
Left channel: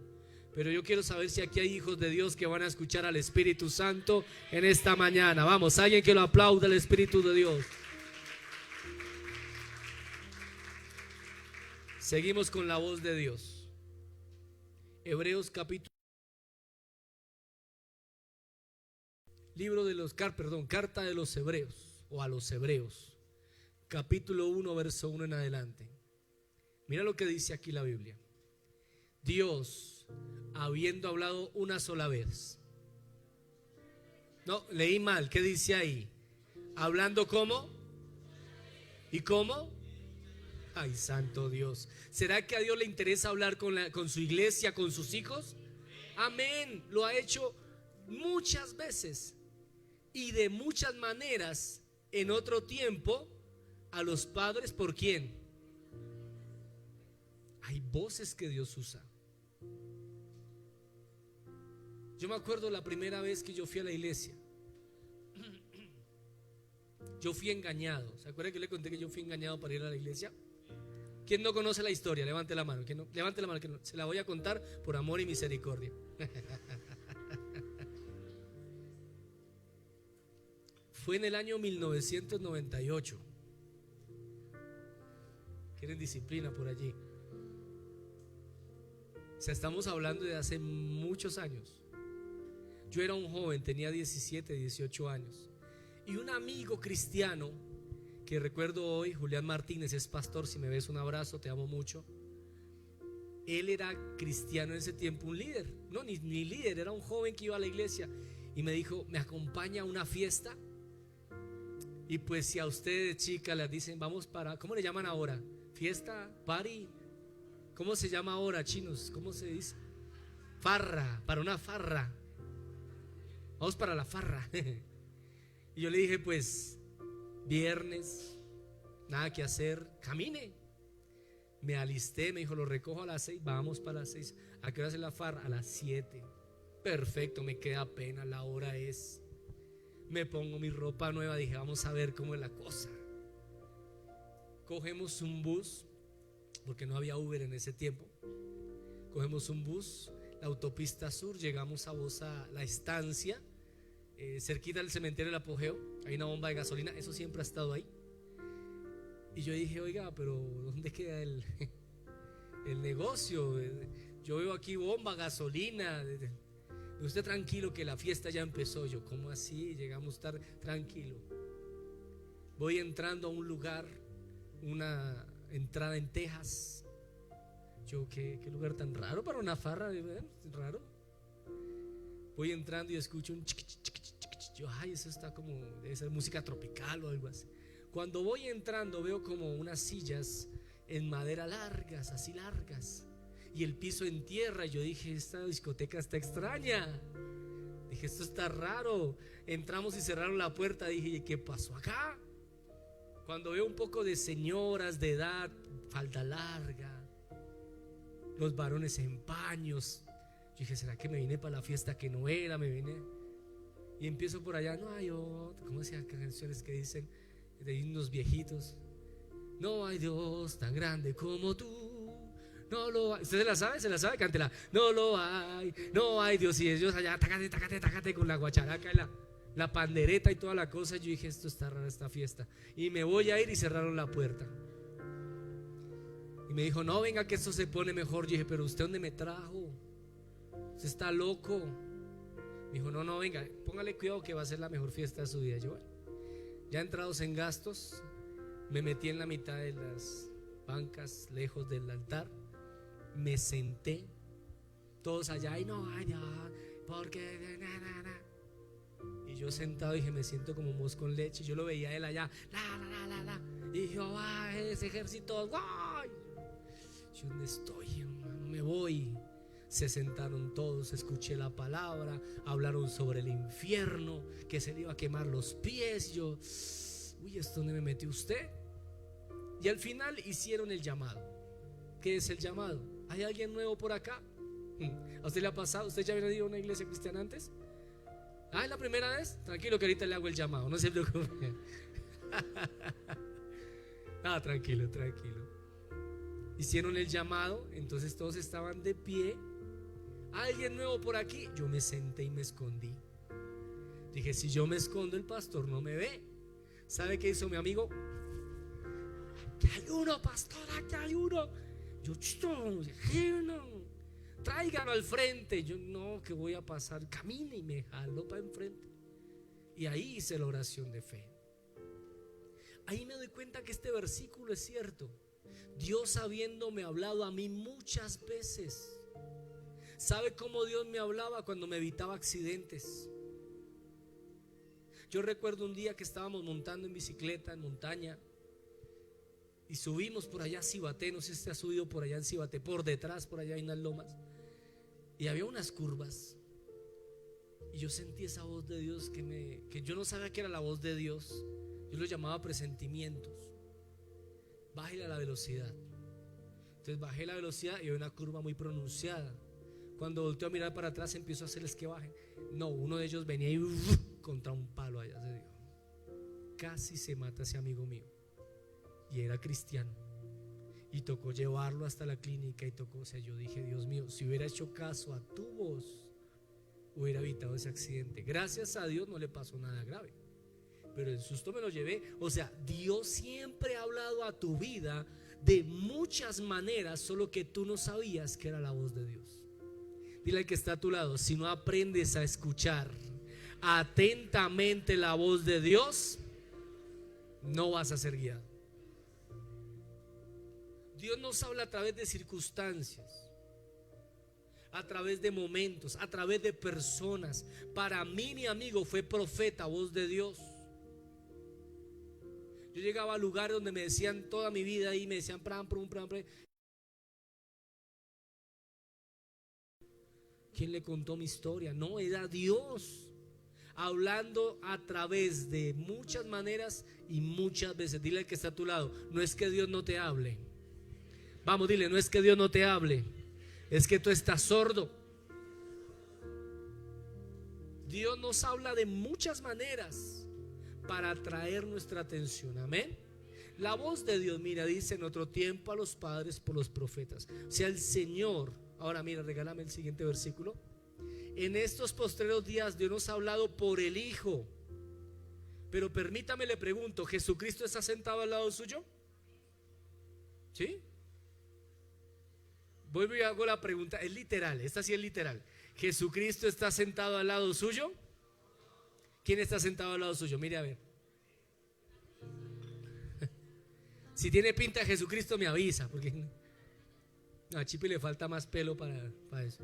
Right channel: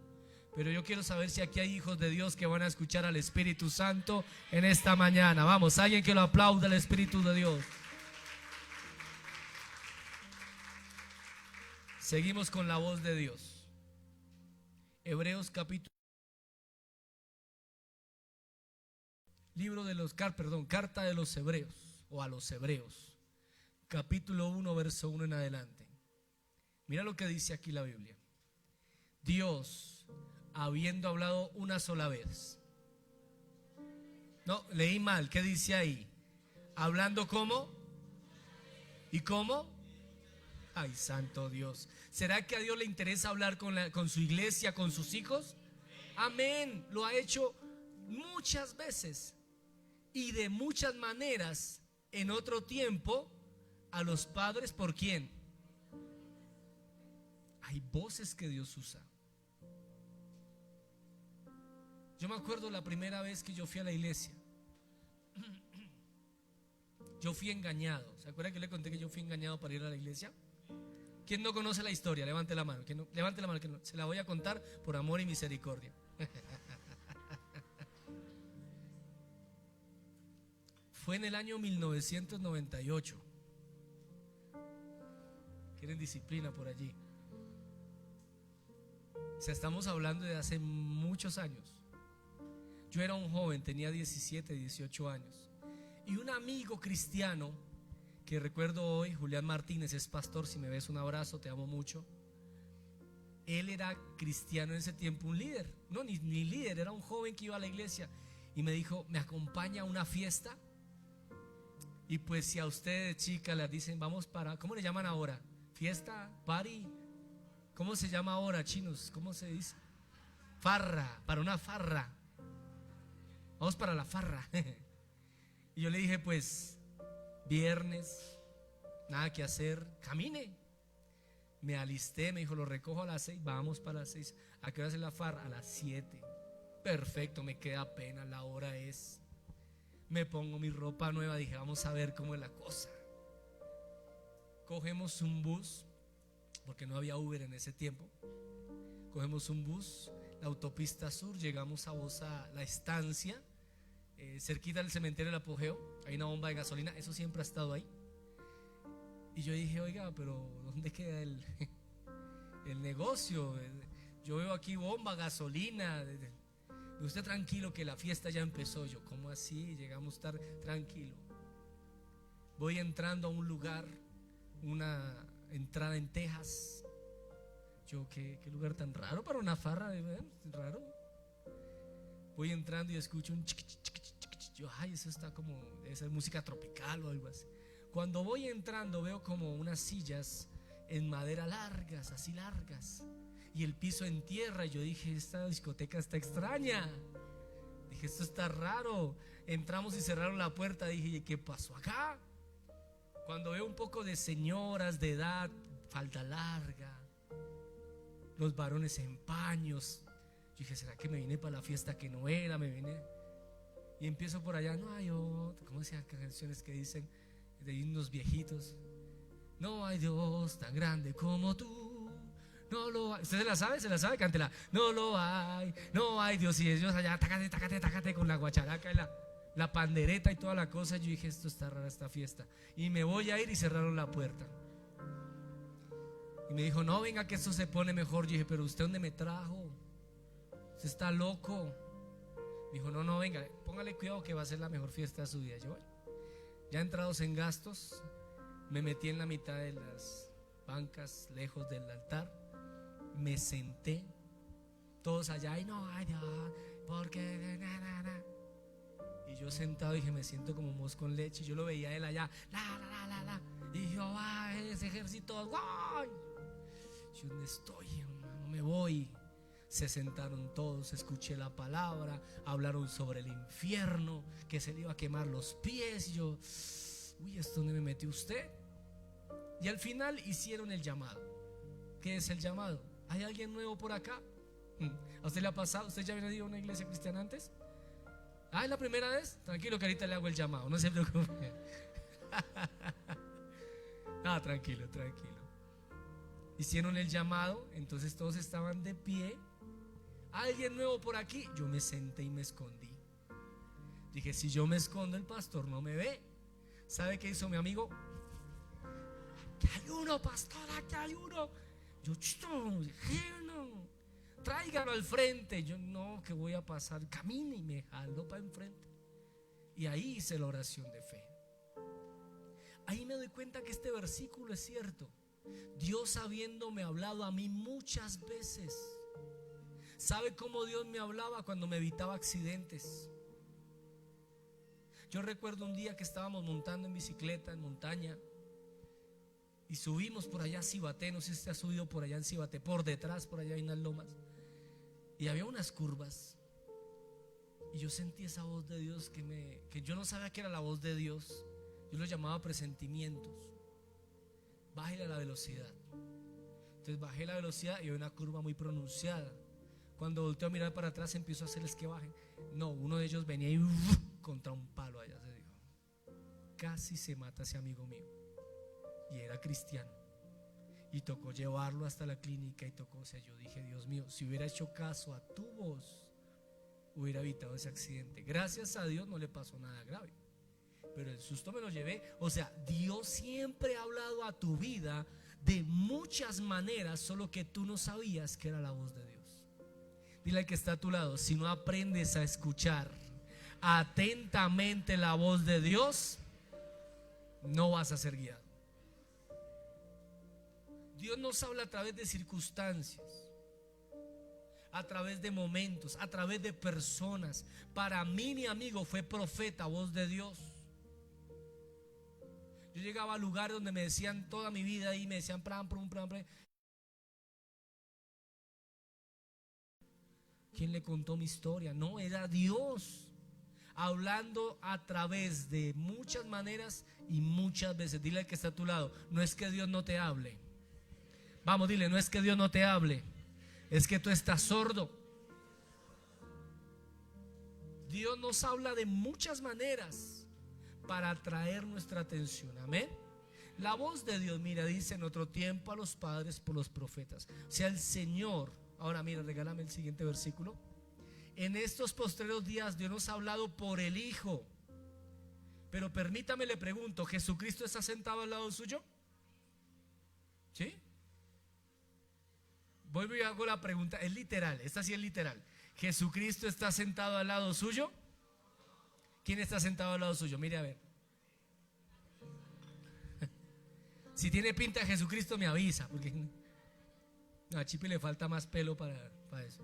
Pero yo quiero saber si aquí hay hijos de Dios que van a escuchar al Espíritu Santo en esta mañana. Vamos, alguien que lo aplaude al Espíritu de Dios. Seguimos con la voz de Dios. Hebreos capítulo... Carta de los Hebreos, o a los Hebreos, capítulo 1, verso 1 en adelante. Mira lo que dice aquí la Biblia. Dios, habiendo hablado una sola vez. No, leí mal. ¿Qué dice ahí? Hablando ¿cómo? ¿Y cómo? Ay, santo Dios. ¿Será que a Dios le interesa hablar con su iglesia, con sus hijos? Amén. Lo ha hecho muchas veces y de muchas maneras en otro tiempo a los padres. ¿Por quién? Hay voces que Dios usa. Yo me acuerdo la primera vez que yo fui a la iglesia. Yo fui engañado. ¿Se acuerda que le conté que yo fui engañado para ir a la iglesia? ¿Quién no conoce la historia? Levante la mano. ¿Quién no? Levante la mano, que no. Se la voy a contar por amor y misericordia. Fue en el año 1998. Quieren disciplina por allí. O sea, estamos hablando de hace muchos años. Yo era un joven, tenía 17, 18 años. Y un amigo cristiano que recuerdo hoy, Julián Martínez, es pastor. Si me ves, un abrazo, te amo mucho. Él era cristiano en ese tiempo, un líder. No, ni líder, era un joven que iba a la iglesia. Y me dijo, ¿me acompaña a una fiesta? Y pues si a ustedes, chicas, les dicen, vamos para, ¿cómo le llaman ahora? Fiesta, party. ¿Cómo se llama ahora, chinos? ¿Cómo se dice? Farra, para una farra. Vamos para la farra. Y yo le dije, pues, viernes, nada que hacer, camine. Me alisté, me dijo, lo recojo a las 6, vamos para las 6. ¿A qué hora es la farra? A las 7. Perfecto, me queda pena, la hora es. Me pongo mi ropa nueva, dije, vamos a ver cómo es la cosa. Cogemos un bus, porque no había Uber en ese tiempo. Cogemos un bus, la autopista sur, llegamos a Bosa, la estancia, cerquita del cementerio del Apogeo. Hay una bomba de gasolina, eso siempre ha estado ahí. Y yo dije, oiga, pero ¿dónde queda el negocio? Yo veo aquí bomba, gasolina. Usted tranquilo que la fiesta ya empezó. Yo, ¿cómo así? Llegamos tarde. Tranquilo. Voy entrando a un lugar, una entrada en Texas. Yo, ¿qué lugar tan raro para una farra? Raro. Voy entrando y escucho un chiqui, chiqui, chiqui, chiqui. Yo, ay, eso está como, debe ser música tropical o algo así. Cuando voy entrando veo como unas sillas en madera largas, así largas, y el piso en tierra. Yo dije, esta discoteca está extraña. Dije, esto está raro. Entramos y cerraron la puerta. Dije, ¿qué pasó acá? Cuando veo un poco de señoras de edad, falda larga, los varones en paños, yo dije, ¿será que me vine para la fiesta que no era? Me vine. Y empiezo por allá, no hay otro. ¿Cómo se llaman canciones que dicen de himnos viejitos? No hay Dios tan grande como tú. No lo hay. ¿Usted se la sabe? ¿Se la sabe? Cántela. No lo hay, no hay Dios. Y ellos allá, tácate, tácate, tácate, con la guacharaca y la pandereta y toda la cosa. Yo dije, esto está rara esta fiesta. Y me voy a ir, y cerraron la puerta. Y me dijo, no, venga que esto se pone mejor. Yo dije, pero ¿usted dónde me trajo? Usted está loco. Me dijo, no, venga, póngale cuidado que va a ser la mejor fiesta de su vida. Yo, bueno, ya entrados en gastos, me metí en la mitad de las bancas, lejos del altar. Me senté, todos allá, y no, ay Dios, porque y yo sentado dije, me siento como mosco con leche. Y yo lo veía a él allá, y yo, ese ejército, ¡guay! Yo, ¿dónde estoy? No me voy. Se sentaron todos, escuché la palabra, hablaron sobre el infierno, que se le iba a quemar los pies. Y yo, uy, ¿esto dónde me metió usted? Y al final hicieron el llamado. ¿Qué es el llamado? ¿Hay alguien nuevo por acá? ¿A usted le ha pasado? ¿Usted ya había ido a una iglesia cristiana antes? ¿Es la primera vez? Tranquilo que ahorita le hago el llamado, no se preocupe. No, tranquilo. Hicieron el llamado, entonces todos estaban de pie. ¿Alguien nuevo por aquí? Yo me senté y me escondí. Dije, si yo me escondo, el pastor no me ve. ¿Sabe qué hizo mi amigo? ¡Que hay uno, pastora, que hay uno! Yo, no, tráigalo al frente. Yo, no, que voy a pasar. Camine, y me jaló para enfrente. Y ahí hice la oración de fe. Ahí me doy cuenta que este versículo es cierto. Dios habiéndome hablado a mí muchas veces, ¿Sabe cómo Dios me hablaba? Cuando me evitaba accidentes. Yo recuerdo un día que estábamos montando en bicicleta en montaña y subimos por allá a Cibaté. No sé si usted ha subido por allá en Cibaté, por detrás, por allá hay unas lomas, y había unas curvas. Y yo sentí esa voz de Dios que yo no sabía que era la voz de Dios. Yo lo llamaba presentimientos. Bájale a la velocidad. Entonces bajé la velocidad y había una curva muy pronunciada. Cuando volteo a mirar para atrás, empiezo a hacerles que bajen. No, uno de ellos venía y contra un palo allá se dio. Casi se mata ese amigo mío. Y era cristiano. Y tocó llevarlo hasta la clínica y tocó, o sea, yo dije, Dios mío, si hubiera hecho caso a tu voz, hubiera evitado ese accidente. Gracias a Dios no le pasó nada grave, pero el susto me lo llevé. O sea, Dios siempre ha hablado a tu vida de muchas maneras, solo que tú no sabías que era la voz de Dios. Dile al que está a tu lado, si no aprendes a escuchar atentamente la voz de Dios, no vas a ser guiado. Dios nos habla a través de circunstancias, a través de momentos, a través de personas. Para mí, mi amigo fue profeta, voz de Dios. Yo llegaba a lugares donde me decían toda mi vida y me decían pram. ¿Quién le contó mi historia? No, era Dios hablando a través de muchas maneras y muchas veces. Dile al que está a tu lado, no es que Dios no te hable. Vamos, dile, no es que Dios no te hable, es que tú estás sordo. Dios nos habla de muchas maneras para atraer nuestra atención. Amén. La voz de Dios, mira, dice en otro tiempo a los padres por los profetas. O sea, el Señor. Ahora mira, regálame el siguiente versículo. En estos postreros días Dios nos ha hablado por el Hijo. Pero permítame, le pregunto, ¿Jesucristo está sentado al lado suyo? ¿Sí? Vuelvo y hago la pregunta, es literal, esta sí es literal. ¿Jesucristo está sentado al lado suyo? ¿Quién está sentado al lado suyo? Mire a ver. Si tiene pinta de Jesucristo me avisa, porque a Chipi le falta más pelo para eso.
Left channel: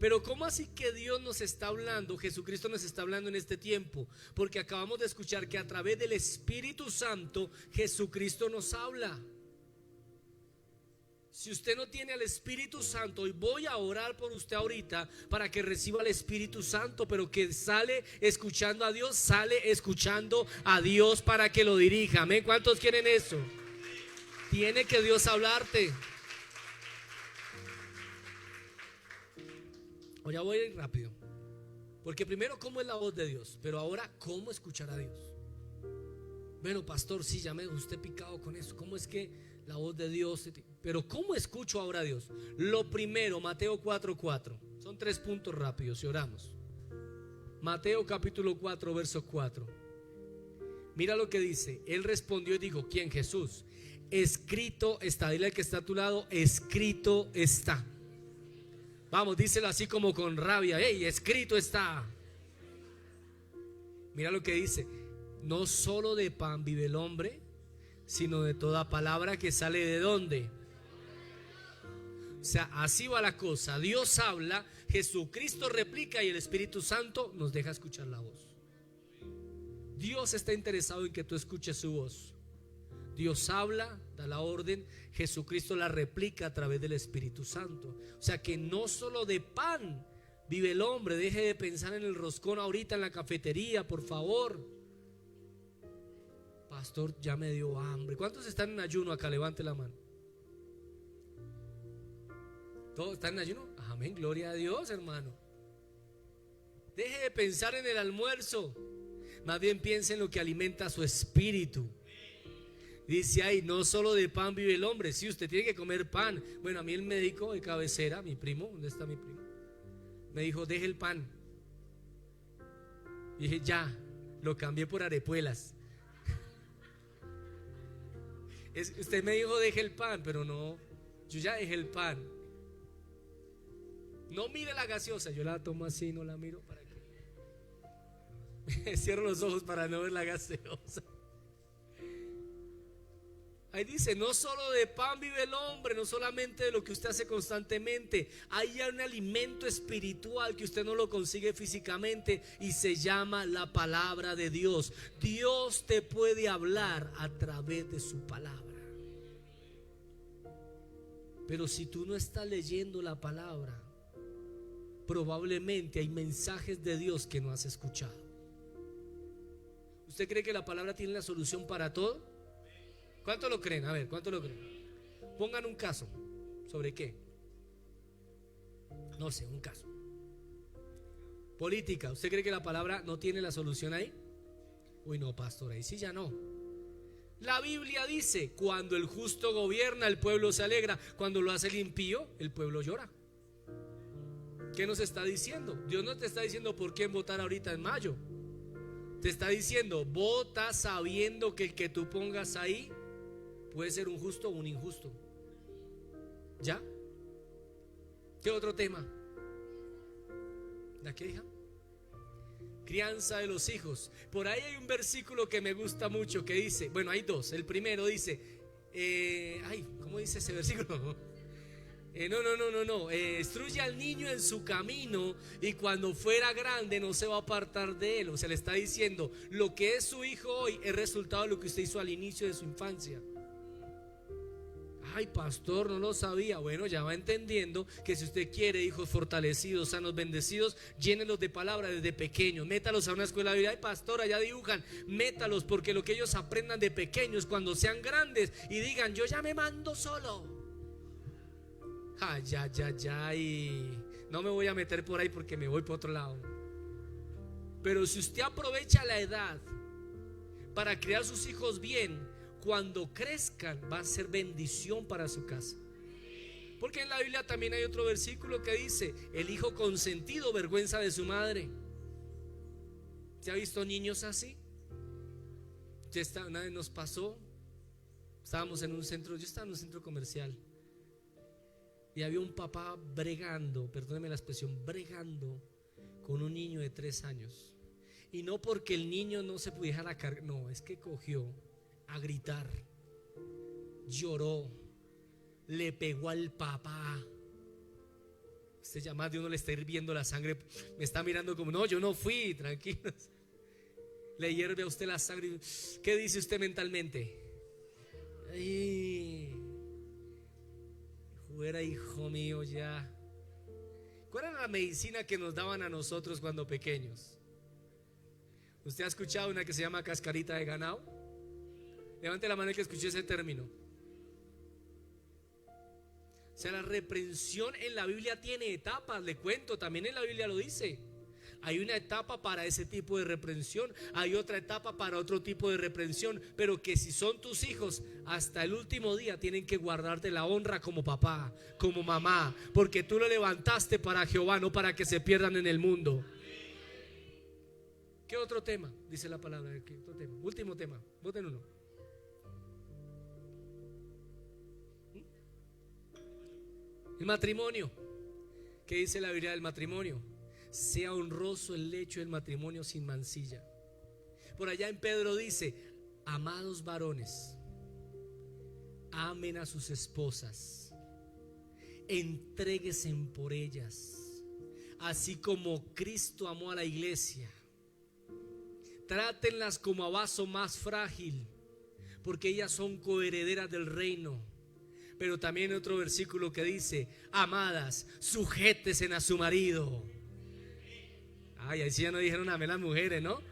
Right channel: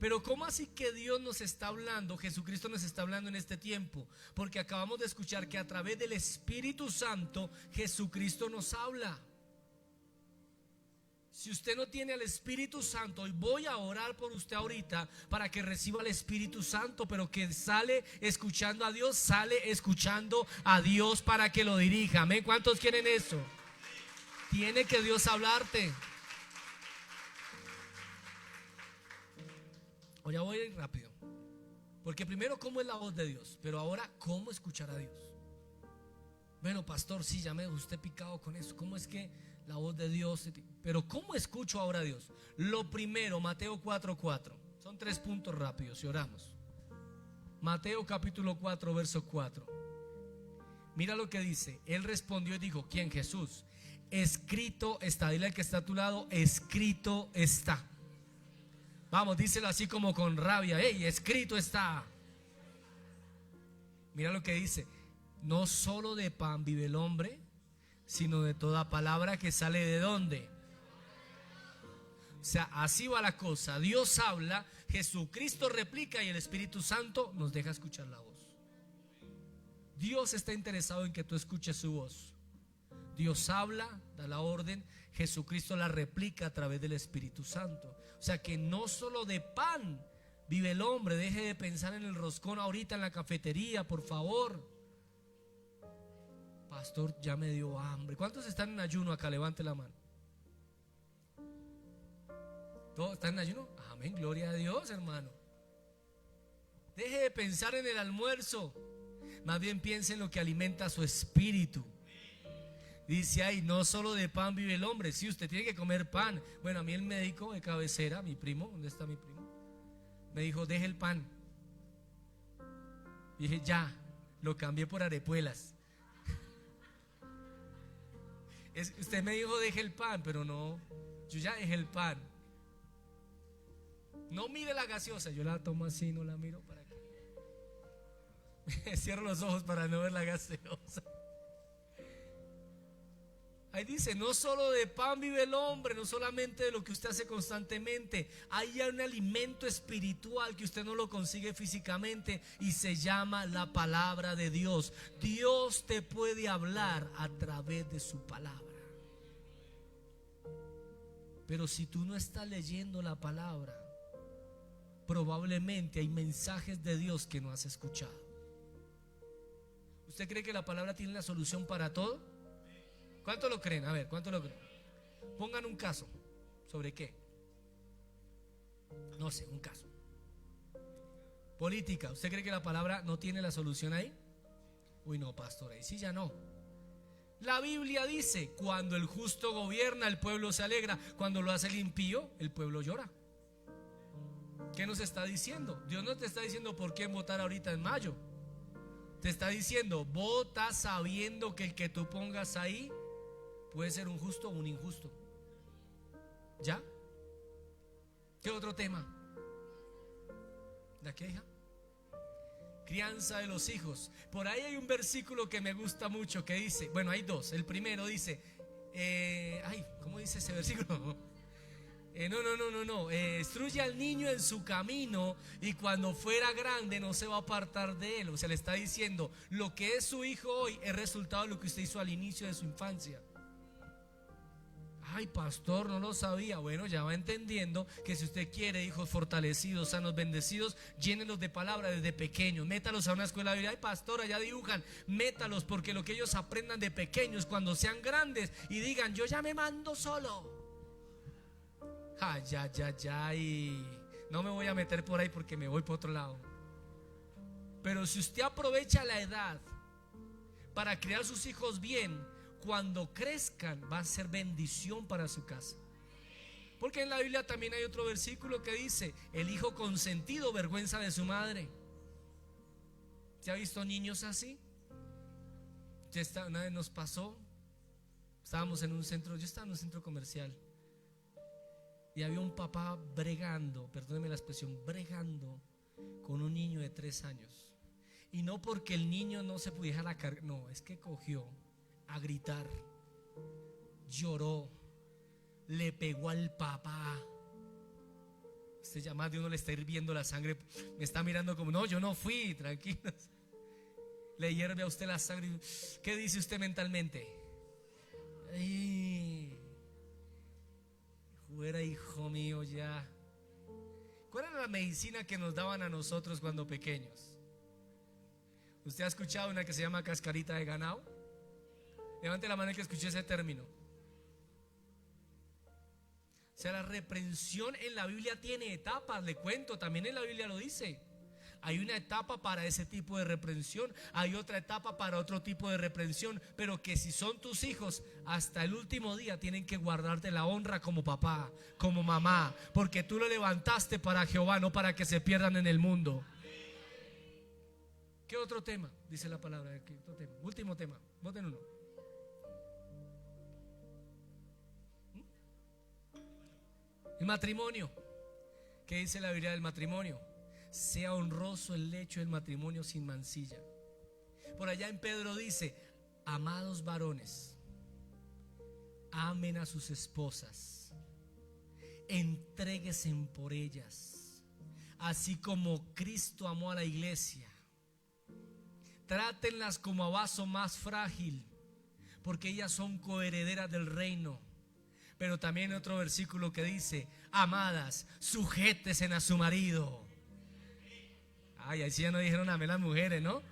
Pero ¿cómo así que Dios nos está hablando? Jesucristo nos está hablando en este tiempo, porque acabamos de escuchar que a través del Espíritu Santo Jesucristo nos habla. Si usted no tiene al Espíritu Santo, y voy a orar por usted ahorita para que reciba el Espíritu Santo, pero que sale escuchando a Dios, sale escuchando a Dios para que lo dirija. Amén. ¿Cuántos quieren eso? Tiene que Dios hablarte. Ahora voy a ir rápido, porque primero, ¿cómo es la voz de Dios? Pero ahora, ¿cómo escuchar a Dios? Bueno, pastor, sí, ya me dejó usted picado con eso. ¿Cómo es que la voz de Dios? Pero ¿cómo escucho ahora a Dios? Lo primero, Mateo 4:4. Son 3 puntos rápidos y oramos. Mateo capítulo 4, verso 4. Mira lo que dice. Él respondió y dijo, ¿quién? Jesús. Escrito está. Dile al que está a tu lado, escrito está. Vamos, díselo así como con rabia. ¡Ey, escrito está! Mira lo que dice. No solo de pan vive el hombre, sino de toda palabra que sale de ¿dónde? O sea, así va la cosa. Dios habla, Jesucristo replica y el Espíritu Santo nos deja escuchar la voz. Dios está interesado en que tú escuches su voz. Dios habla, da la orden, Jesucristo la replica a través del Espíritu Santo. O sea que no solo de pan vive el hombre. Deje de pensar en el roscón ahorita en la cafetería, por favor. Pastor, ya me dio hambre. ¿Cuántos están en ayuno acá? Levante la mano. ¿Todos están en ayuno? Amén, gloria a Dios, hermano. Deje de pensar en el almuerzo. Más bien piense en lo que alimenta su espíritu. Dice ahí, no solo de pan vive el hombre. Sí, usted tiene que comer pan. Bueno, a mí el médico de cabecera, mi primo, ¿dónde está mi primo? Me dijo, deje el pan. Y dije, ya, lo cambié por arepuelas. Usted me dijo, deje el pan, pero no, yo ya dejé el pan. No mire la gaseosa, yo la tomo así, no la miro para que cierro los ojos para no ver la gaseosa. Ahí dice, no solo de pan vive el hombre, no solamente de lo que usted hace constantemente. Hay un alimento espiritual que usted no lo consigue físicamente y se llama la palabra de Dios. Dios te puede hablar a través de su palabra. Pero si tú no estás leyendo la palabra, probablemente hay mensajes de Dios que no has escuchado. ¿Usted cree que la palabra tiene la solución para todo? ¿Cuánto lo creen? A ver, ¿cuánto lo creen? Pongan un caso. ¿Sobre qué? No sé, un caso. Política. ¿Usted cree que la palabra no tiene la solución ahí? Uy, no, pastor, ahí sí ya no. La Biblia dice, cuando el justo gobierna, el pueblo se alegra. Cuando lo hace el impío, el pueblo llora. ¿Qué nos está diciendo? Dios no te está diciendo por quién votar ahorita en mayo. Te está diciendo, vota sabiendo que el que tú pongas ahí puede ser un justo o un injusto. ¿Ya? ¿Qué otro tema? ¿De qué, hija? Crianza de los hijos. Por ahí hay un versículo que me gusta mucho que dice, bueno, hay dos. El primero dice, ¿cómo dice ese versículo? No. Instruye al niño en su camino y cuando fuera grande no se va a apartar de él. O sea, le está diciendo, lo que es su hijo hoy es resultado de lo que usted hizo al inicio de su infancia. Ay, pastor, no lo sabía. Bueno, ya va entendiendo que si usted quiere hijos fortalecidos, sanos, bendecidos, llénelos de palabra desde pequeños. Métalos a una escuela de vida. Ay, pastor, allá dibujan. Métalos, porque lo que ellos aprendan de pequeños, cuando sean grandes y digan, yo ya me mando solo. Ay, no me voy a meter por ahí porque me voy por otro lado. Pero si usted aprovecha la edad para criar sus hijos bien, cuando crezcan va a ser bendición para su casa. Porque en la Biblia también hay otro versículo que dice, el hijo consentido vergüenza de su madre. ¿Se ha visto niños así? Una vez nos pasó, estábamos en un centro, yo estaba en un centro comercial y había un papá bregando, perdóneme la expresión, bregando con un niño de 3 años. Y no porque el niño no se pudiera dejar cargar, no, es que cogió a gritar, lloró, le pegó al papá. Usted ya más de uno le está hirviendo la sangre, me está mirando como, no, yo no fui, tranquilos. Le hierve a usted la sangre. ¿Qué dice usted mentalmente? Ay, fuera, hijo mío, ya. ¿Cuál era la medicina que nos daban a nosotros cuando pequeños? ¿Usted ha escuchado una que se llama cascarita de ganado? Levante la mano el que escuchó ese término. O sea, la reprensión en la Biblia tiene etapas, le cuento, también en la Biblia lo dice. Hay una etapa para ese tipo de reprensión, hay otra etapa para otro tipo de reprensión, pero que si son tus hijos, hasta el último día tienen que guardarte la honra como papá, como mamá, porque tú lo levantaste para Jehová, no para que se pierdan en el mundo. ¿Qué otro tema? Dice la palabra. ¿Qué otro tema? Último tema, voten uno. El matrimonio. ¿Qué dice la Biblia del matrimonio? Sea honroso el lecho del matrimonio sin mancilla. Por allá en Pedro dice, amados varones, amen a sus esposas, entréguense por ellas, así como Cristo amó a la iglesia. Trátenlas como a vaso más frágil, porque ellas son coherederas del reino. Pero también otro versículo que dice, amadas, sujétense a su marido. Ay, ahí sí ya no dijeron amén las mujeres, ¿no?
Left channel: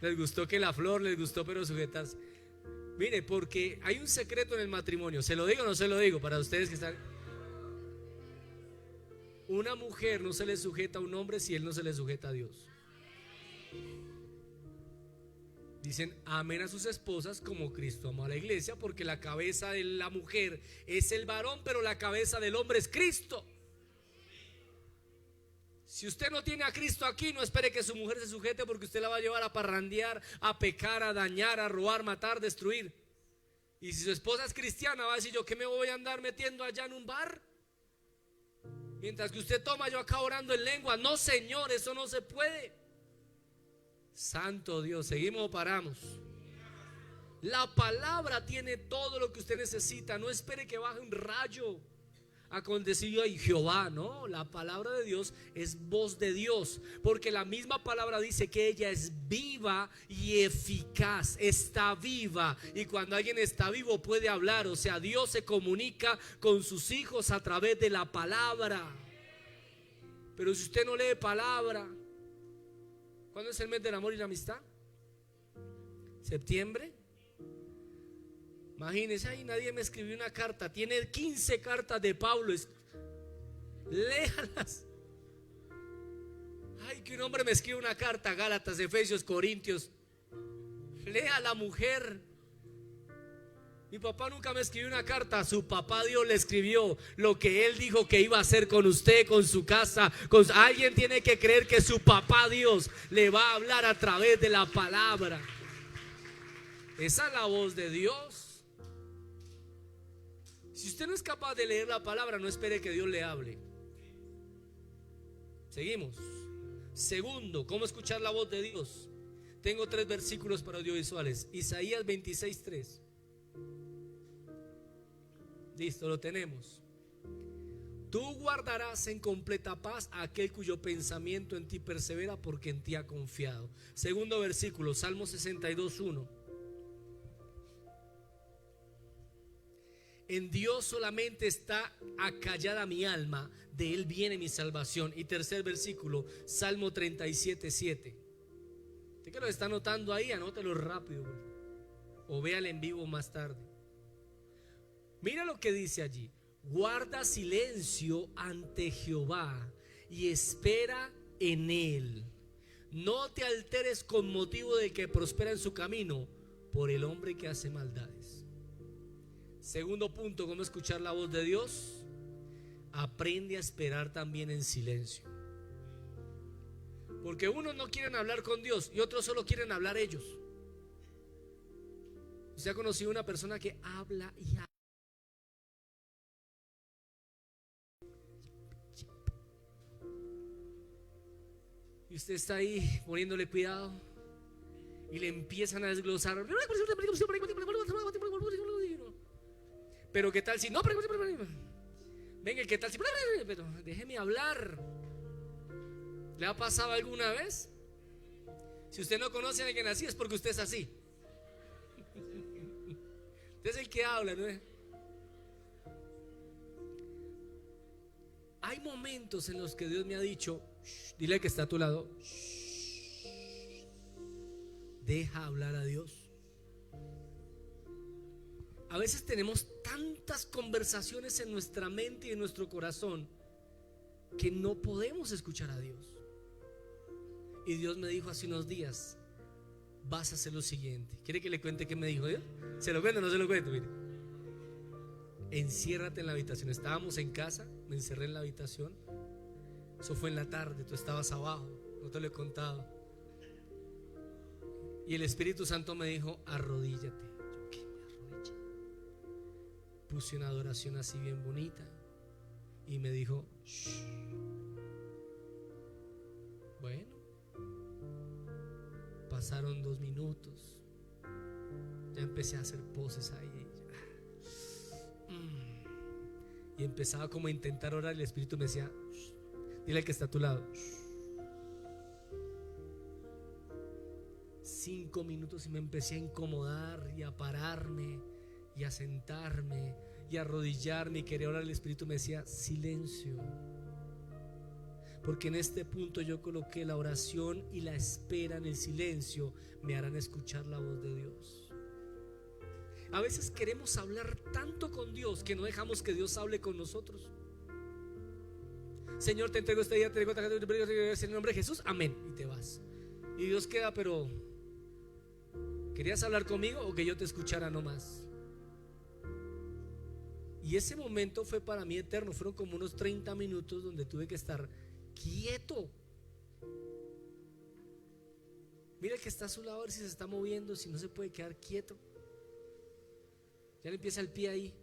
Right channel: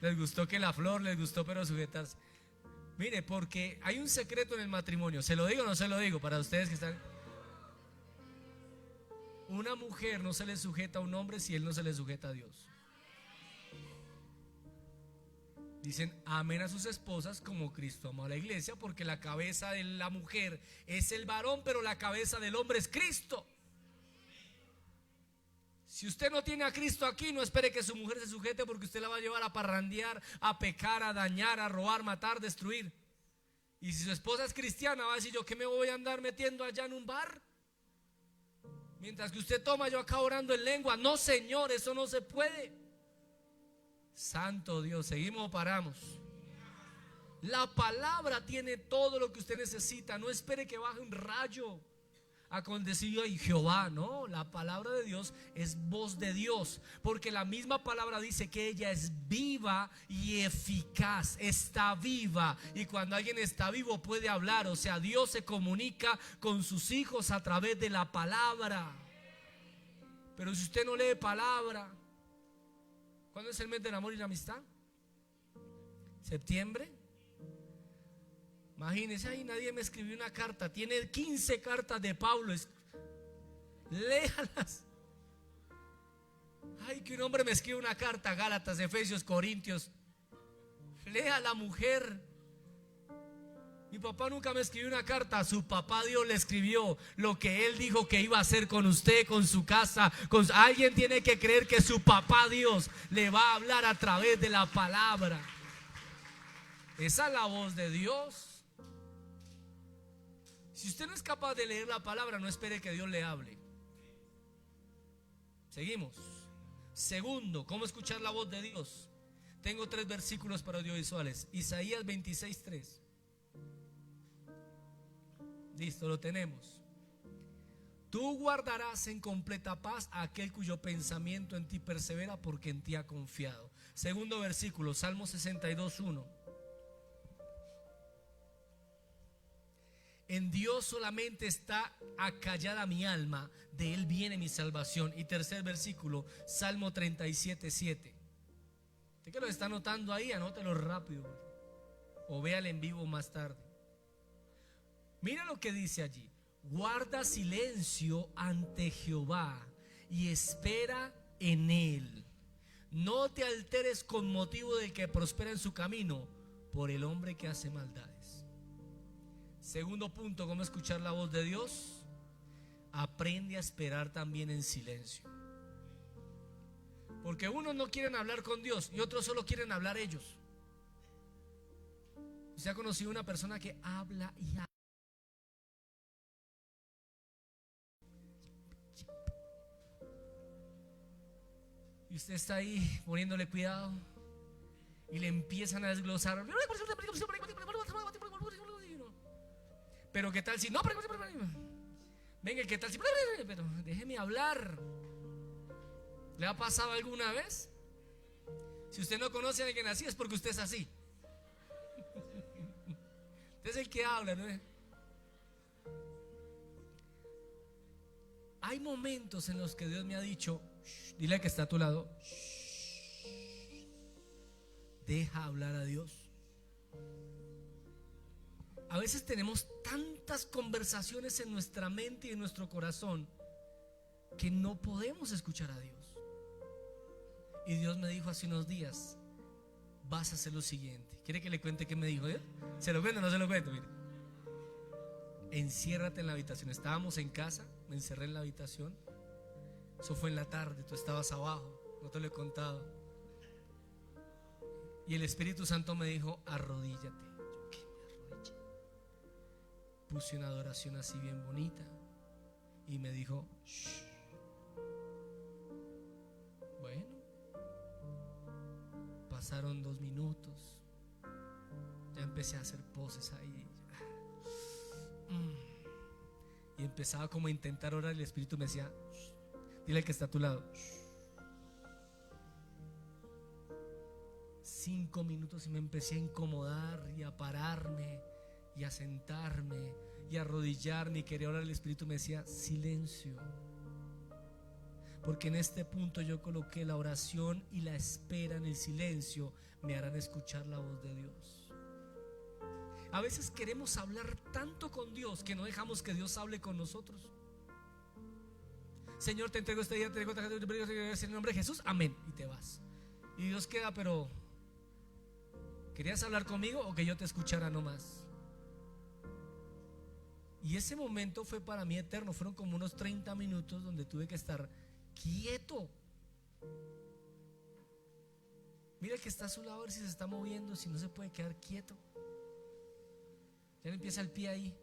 Les gustó que la flor, les gustó pero sujetarse. Mire, porque hay un secreto en el matrimonio. ¿Se lo digo o no se lo digo para ustedes que están? Una mujer no se le sujeta a un hombre si él no se le sujeta a Dios. Dicen, amen a sus esposas como Cristo amó a la iglesia, porque la cabeza de la mujer es el varón, pero la cabeza del hombre es Cristo. Si usted no tiene a Cristo aquí, no espere que su mujer se sujete, porque usted la va a llevar a parrandear, a pecar, a dañar, a robar, matar, destruir. Y si su esposa es cristiana, va a decir, ¿yo qué me voy a andar metiendo allá en un bar? Mientras que usted toma, yo acá orando en lengua. No, Señor, eso no se puede. Santo Dios, ¿seguimos o paramos? La palabra tiene todo lo que usted necesita. No espere que baje un rayo acontecido y Jehová, no, la palabra de Dios es voz de Dios, porque la misma palabra dice que ella es viva y eficaz, está viva, y cuando alguien está vivo puede hablar. O sea, Dios se comunica con sus hijos a través de la palabra. Pero si usted no lee palabra, ¿cuándo es el mes del amor y la amistad? ¿Septiembre? Imagínense, ahí nadie me escribió una carta. Tiene 15 cartas de Pablo. Léalas. Ay, que un hombre me escribe una carta. Gálatas, Efesios, Corintios. Lea a la mujer. Mi papá nunca me escribió una carta. Su papá Dios le escribió lo que él dijo que iba a hacer con usted, con su casa. Alguien tiene que creer que su papá Dios le va a hablar a través de la palabra. Esa es la voz de Dios. Si usted no es capaz de leer la palabra, no espere que Dios le hable. Seguimos. Segundo, ¿cómo escuchar la voz de Dios? Tengo 3 versículos para audiovisuales. Isaías 26:3. Listo, lo tenemos. Tú guardarás en completa paz a aquel cuyo pensamiento en ti persevera, porque en ti ha confiado. Segundo versículo, Salmo 62:1. En Dios solamente está acallada mi alma, de Él viene mi salvación. Y tercer versículo, Salmo 37:7. Usted que lo está anotando ahí, anótalo rápido, o véalo en vivo más tarde. Mira lo que dice allí: guarda silencio ante Jehová y espera en Él. No te alteres con motivo del que prospera en su camino, por el hombre que hace maldades. Segundo punto, ¿cómo escuchar la voz de Dios? Aprende a esperar también en silencio. Porque unos no quieren hablar con Dios y otros solo quieren hablar ellos. ¿Usted ha conocido una persona que habla y habla? Y usted está ahí poniéndole cuidado y le empiezan a desglosar. Pero qué tal si no, venga, qué tal si, pero déjeme hablar. ¿Le ha pasado alguna vez? Si usted no conoce a alguien así, es porque usted es así. Usted es el que habla, ¿no es? Hay momentos en los que Dios me ha dicho: dile al que está a tu lado, deja hablar a Dios. A veces tenemos tantas conversaciones en nuestra mente y en nuestro corazón que no podemos escuchar a Dios. Y Dios me dijo hace unos días: vas a hacer lo siguiente. ¿Quiere que le cuente qué me dijo Dios? ¿Se lo cuento o no se lo cuento? Mire, enciérrate en la habitación. Estábamos en casa, me encerré en la habitación. Eso fue en la tarde, tú estabas abajo, no te lo he contado. Y el Espíritu Santo me dijo: arrodíllate. Yo, ¿qué? Me arrodillé. Puse una adoración así bien bonita y me dijo: shh. Bueno, pasaron 2 minutos, ya empecé a hacer poses ahí. Y empezaba como a intentar orar. El Espíritu me decía: shh. Dile al que está a tu lado, shh. 5 minutos y me empecé a incomodar y a pararme y a sentarme y a arrodillarme y quería orar. El Espíritu me decía: silencio. Porque en este punto yo coloqué la oración y la espera en el silencio me harán escuchar la voz de Dios. A veces queremos hablar tanto con Dios que no dejamos que Dios hable con nosotros. Señor, te entrego este día, te entrego en el nombre de Jesús, amén. Y te vas. Y Dios queda, pero ¿querías hablar conmigo o que yo te escuchara nomás? Y ese momento fue para mí eterno. Fueron como unos 30 minutos donde tuve que estar quieto. Mira el que está a su lado, a ver si se está moviendo, si no se puede quedar quieto. Ya le empieza el pie ahí.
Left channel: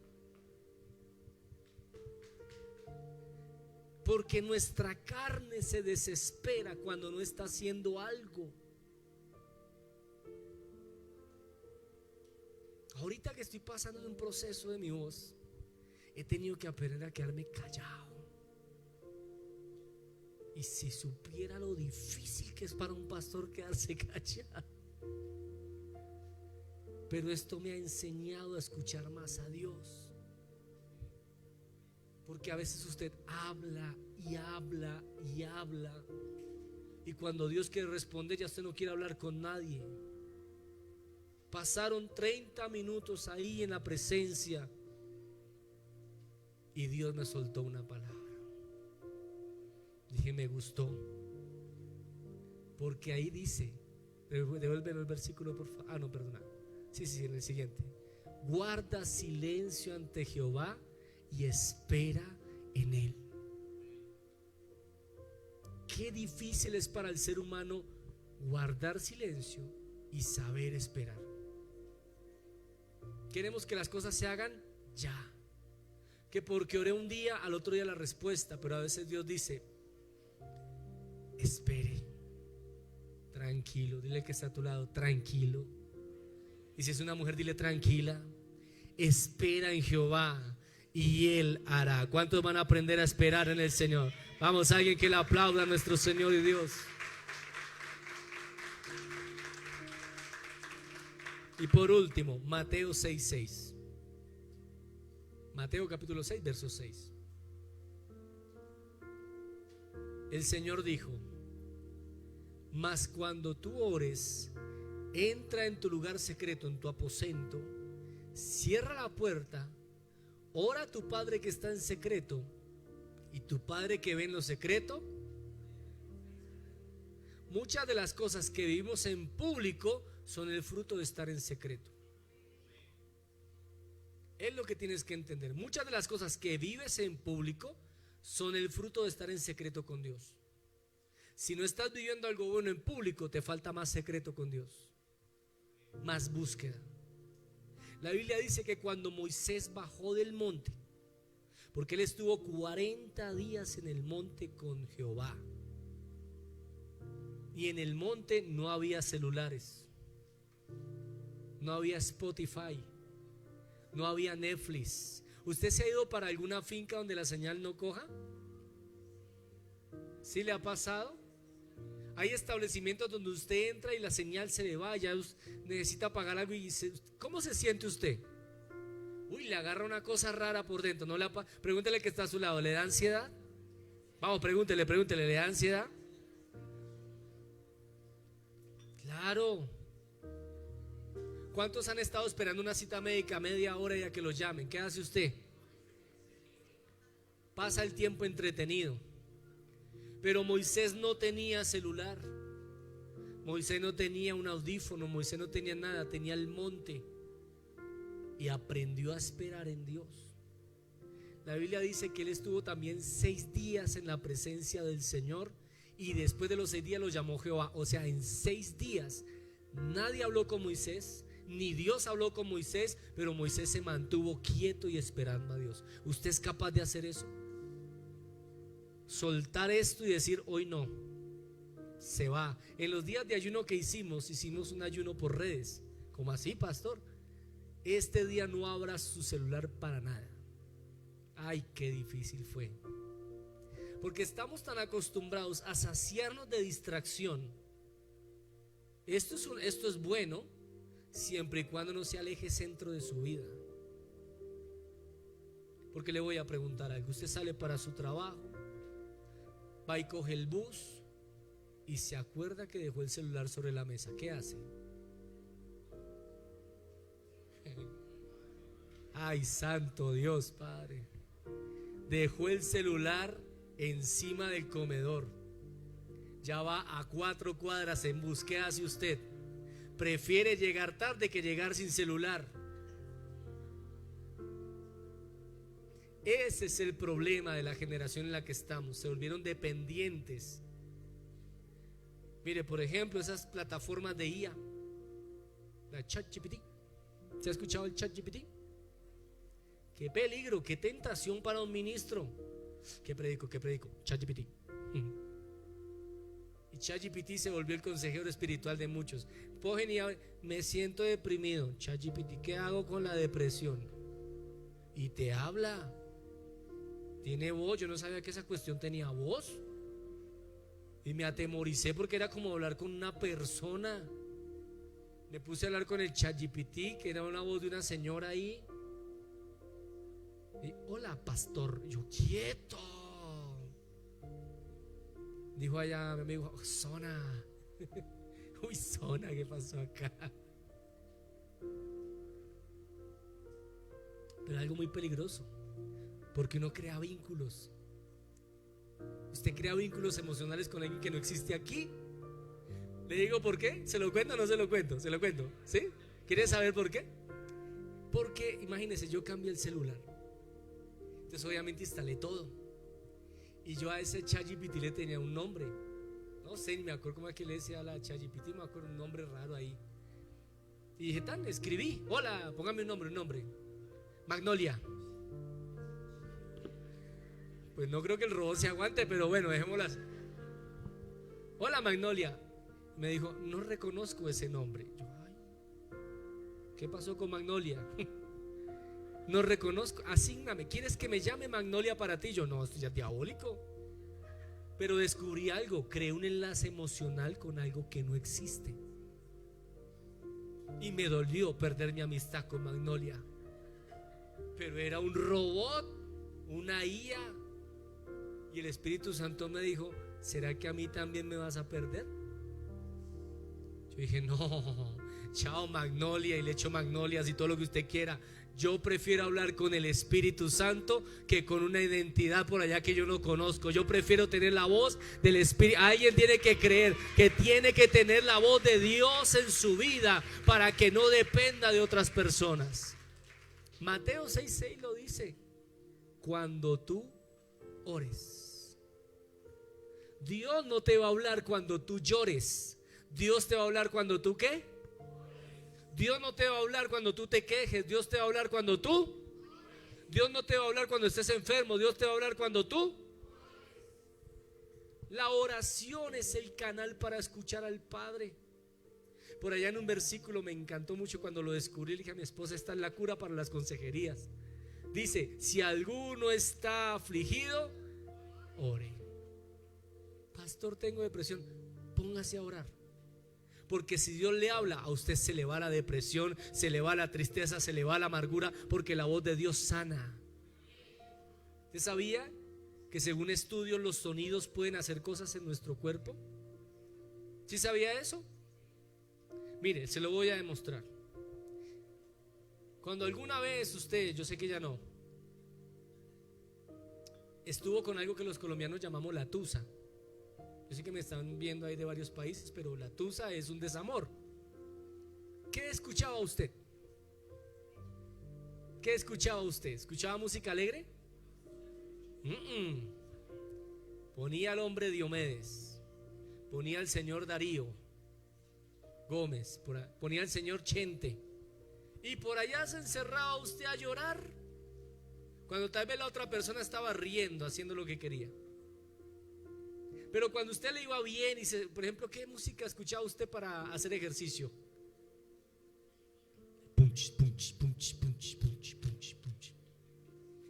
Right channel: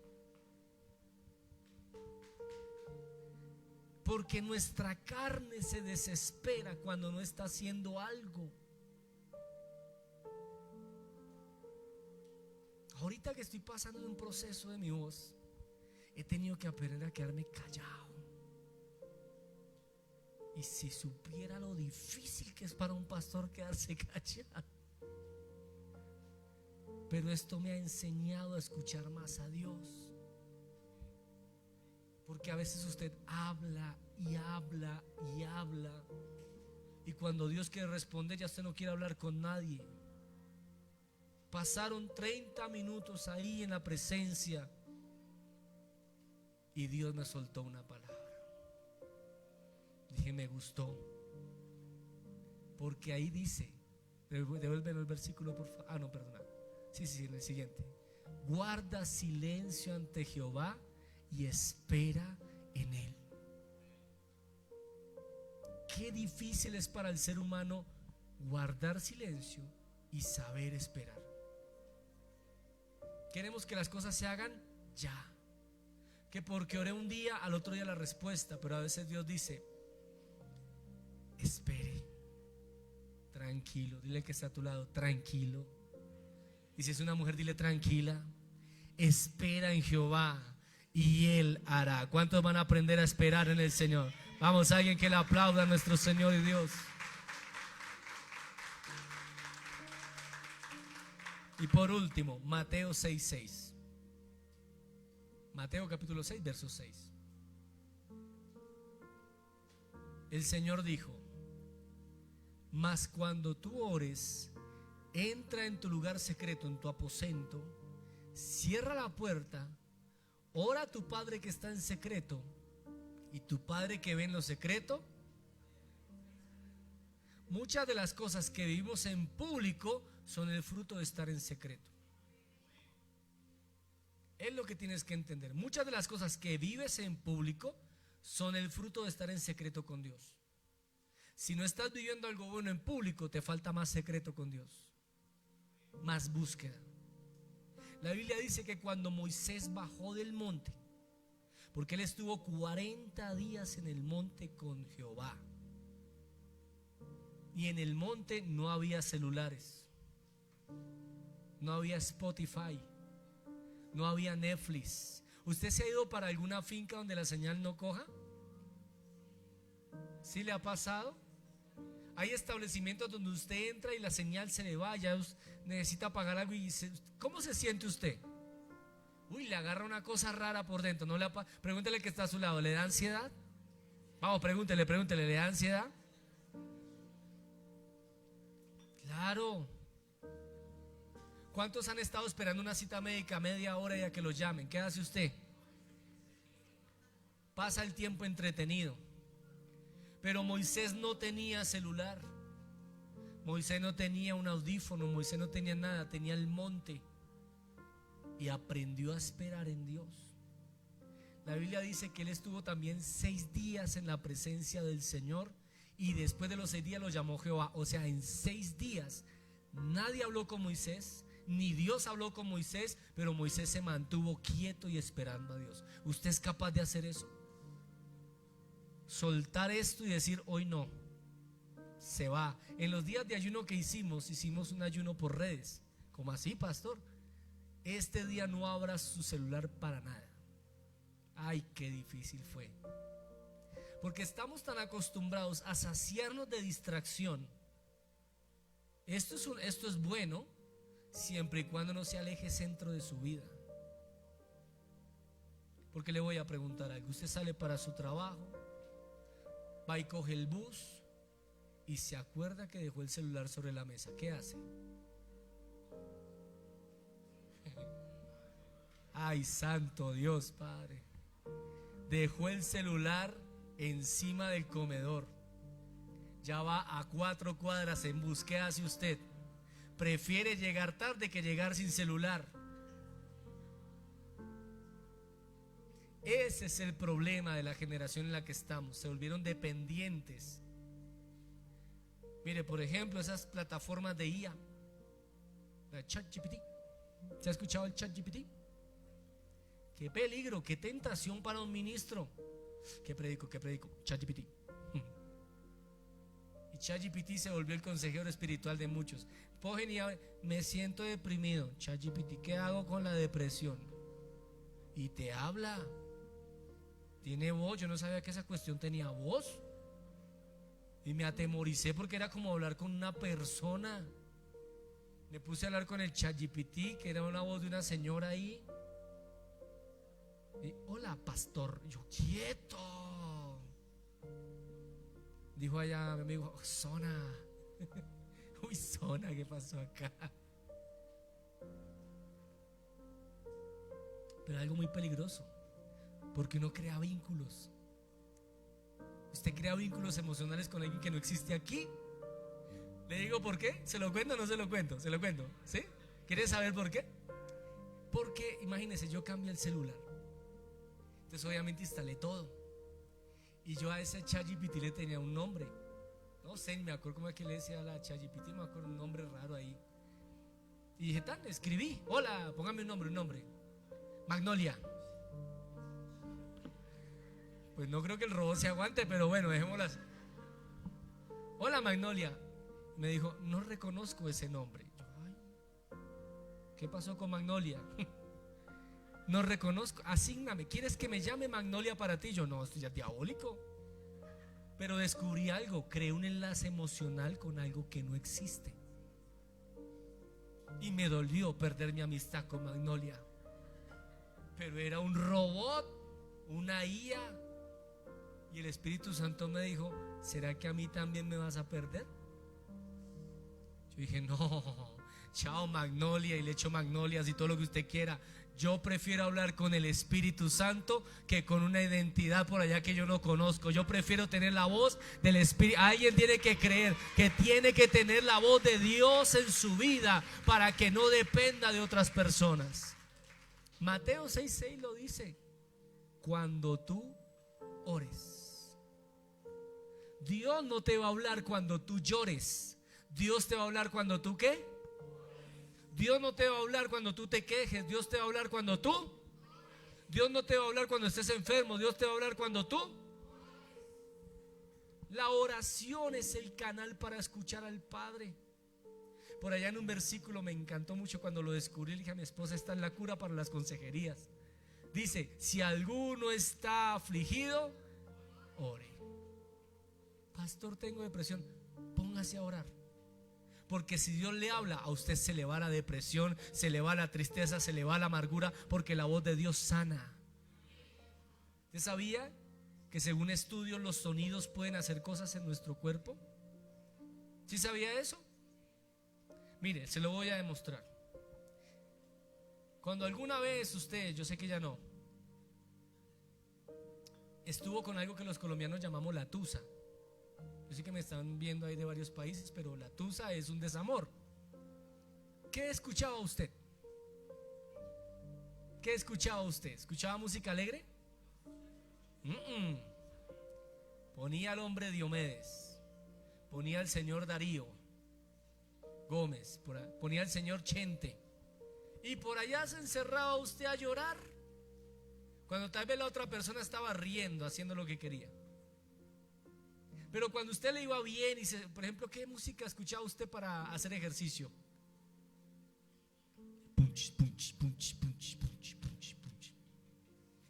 Porque nuestra carne se desespera cuando no está haciendo algo. ahorita que estoy pasando en un proceso de mi voz, he tenido que aprender a quedarme callado. Y si supiera lo difícil que es para un pastor quedarse callado. Pero esto me ha enseñado a escuchar más a Dios. Porque a veces usted habla y habla y habla, y cuando Dios quiere responder, ya usted no quiere hablar con nadie. Pasaron 30 minutos ahí en la presencia y Dios me soltó una palabra. Dije, me gustó. Porque ahí dice, devuélvelo el versículo por favor. Ah, no, perdona. Sí, en el siguiente. Guarda silencio ante Jehová y espera en Él. Qué difícil es para el ser humano guardar silencio y saber esperar. Queremos que las cosas se hagan ya, que porque oré un día, al otro día la respuesta. Pero a veces Dios dice, espere, tranquilo. Dile que está a tu lado, tranquilo. Y si es una mujer, dile tranquila. Espera en Jehová y Él hará. ¿Cuántos van a aprender a esperar en el Señor? Vamos, alguien que le aplauda a nuestro Señor y Dios. Y por último, Mateo 6:6. Mateo capítulo 6, verso 6. El Señor dijo: mas cuando tú ores, entra en tu lugar secreto, en tu aposento, cierra la puerta, ora a tu Padre que está en secreto, y tu Padre que ve en lo secreto. Muchas de las cosas que vivimos en público son el fruto de estar en secreto. Es lo que tienes que entender. Muchas de las cosas que vives en público son el fruto de estar en secreto con Dios. Si no estás viviendo algo bueno en público, te falta más secreto con Dios, más búsqueda. La Biblia dice que cuando Moisés bajó del monte, porque él estuvo 40 días en el monte con Jehová, y en el monte no había celulares, no había Spotify, no había Netflix. ¿Usted se ha ido para alguna finca donde la señal no coja? ¿Sí le ha pasado? Hay establecimientos donde usted entra y la señal se le va, ya necesita pagar algo y ¿cómo se siente usted? Uy, le agarra una cosa rara por dentro. No le pregúntele que está a su lado, ¿le da ansiedad? Vamos, pregúntele, ¿le da ansiedad? Claro. ¿Cuántos han estado esperando una cita médica media hora y a que los llamen? ¿Qué hace usted? Pasa el tiempo entretenido. Pero Moisés no tenía celular, Moisés no tenía un audífono, Moisés no tenía nada, tenía el monte y aprendió a esperar en Dios. La Biblia dice que él estuvo también 6 días en la presencia del Señor y después de los 6 días lo llamó Jehová. O sea, en 6 días nadie habló con Moisés, ni Dios habló con Moisés, pero Moisés se mantuvo quieto y esperando a Dios. ¿Usted es capaz de hacer eso? Soltar esto y decir, hoy no, se va. En los días de ayuno que hicimos un ayuno por redes. ¿Cómo así, pastor? Este día no abra su celular para nada. Ay, qué difícil fue. Porque estamos tan acostumbrados a saciarnos de distracción. Esto es bueno siempre y cuando no se aleje centro de su vida. Porque le voy a preguntar algo. Usted sale para su trabajo, va y coge el bus y se acuerda que dejó el celular sobre la mesa. ¿Qué hace? Ay, santo Dios, Padre. Dejó el celular encima del comedor. Ya va a 4 cuadras en bus. ¿Qué hace usted? Prefiere llegar tarde que llegar sin celular. Ese es el problema de la generación en la que estamos. Se volvieron dependientes. Mire, por ejemplo, esas plataformas de IA, la ChatGPT. ¿Se ha escuchado el ChatGPT? Qué peligro, qué tentación para un ministro. ¿Qué predico? ChatGPT. Y ChatGPT se volvió el consejero espiritual de muchos. Cogen y me siento deprimido. ChatGPT, ¿qué hago con la depresión? Y te habla. Tiene voz. Yo no sabía que esa cuestión tenía voz. Y me atemoricé porque era como hablar con una persona. Me puse a hablar con el ChatGPT, que era una voz de una señora ahí. Y, hola, pastor. Yo, quieto. Dijo allá mi amigo, oh, Zona. Uy, Zona, ¿qué pasó acá? Pero algo muy peligroso, porque uno crea vínculos. Usted crea vínculos emocionales con alguien que no existe aquí. Le digo por qué. ¿Se lo cuento o no se lo cuento? Se lo cuento, ¿sí? ¿Quiere saber por qué? Porque imagínese, yo cambié el celular. Entonces obviamente instalé todo. Y yo a ese ChatGPT le tenía un nombre. No sé, ni me acuerdo cómo es que le decía a la ChatGPT. Me acuerdo un nombre raro ahí. Y dije, tan, escribí, hola, póngame un nombre. Magnolia. Pues no creo que el robot se aguante, pero bueno, dejémoslas. Hola, Magnolia. Me dijo, no reconozco ese nombre. Yo, ay, ¿qué pasó con Magnolia? No reconozco, asígname. ¿Quieres que me llame Magnolia para ti? Yo, no, esto ya es diabólico. Pero descubrí algo, creé un enlace emocional con algo que no existe. Y me dolió perder mi amistad con Magnolia. Pero era un robot, una IA. Y el Espíritu Santo me dijo, ¿será que a mí también me vas a perder? Yo dije, no, chao Magnolia, y le echo magnolias y todo lo que usted quiera. Yo prefiero hablar con el Espíritu Santo que con una identidad por allá que yo no conozco. Yo prefiero tener la voz del Espíritu. Alguien tiene que creer que tiene que tener la voz de Dios en su vida para que no dependa de otras personas. Mateo 6:6 lo dice. Cuando tú ores, Dios no te va a hablar cuando tú llores. Dios te va a hablar cuando tú ¿qué? Dios no te va a hablar cuando tú te quejes. Dios te va a hablar cuando tú. Dios no te va a hablar cuando estés enfermo. Dios te va a hablar cuando tú. La oración es el canal para escuchar al Padre. Por allá en un versículo me encantó mucho cuando lo descubrí. Le dije a mi esposa, esta es la cura para las consejerías. Dice, si alguno está afligido, ore. Pastor, tengo depresión. Póngase a orar. Porque si Dios le habla, a usted se le va la depresión, se le va la tristeza, se le va la amargura, porque la voz de Dios sana. ¿Usted sabía que según estudios los sonidos pueden hacer cosas en nuestro cuerpo? ¿Sí sabía eso? Mire, se lo voy a demostrar. Cuando alguna vez usted, yo sé que ya no, estuvo con algo que los colombianos llamamos la tusa. Yo sé que me están viendo ahí de varios países, pero la tusa es un desamor. ¿Qué escuchaba usted? ¿Qué escuchaba usted? ¿Escuchaba música alegre? Ponía al hombre Diomedes, ponía al señor Darío Gómez, ponía al señor Chente, y por allá se encerraba usted a llorar cuando tal vez la otra persona estaba riendo, haciendo lo que quería. Pero cuando usted le iba bien, y por ejemplo, ¿qué música escuchaba usted para hacer ejercicio? Punch, punch, punch, punch, punch, punch, punch.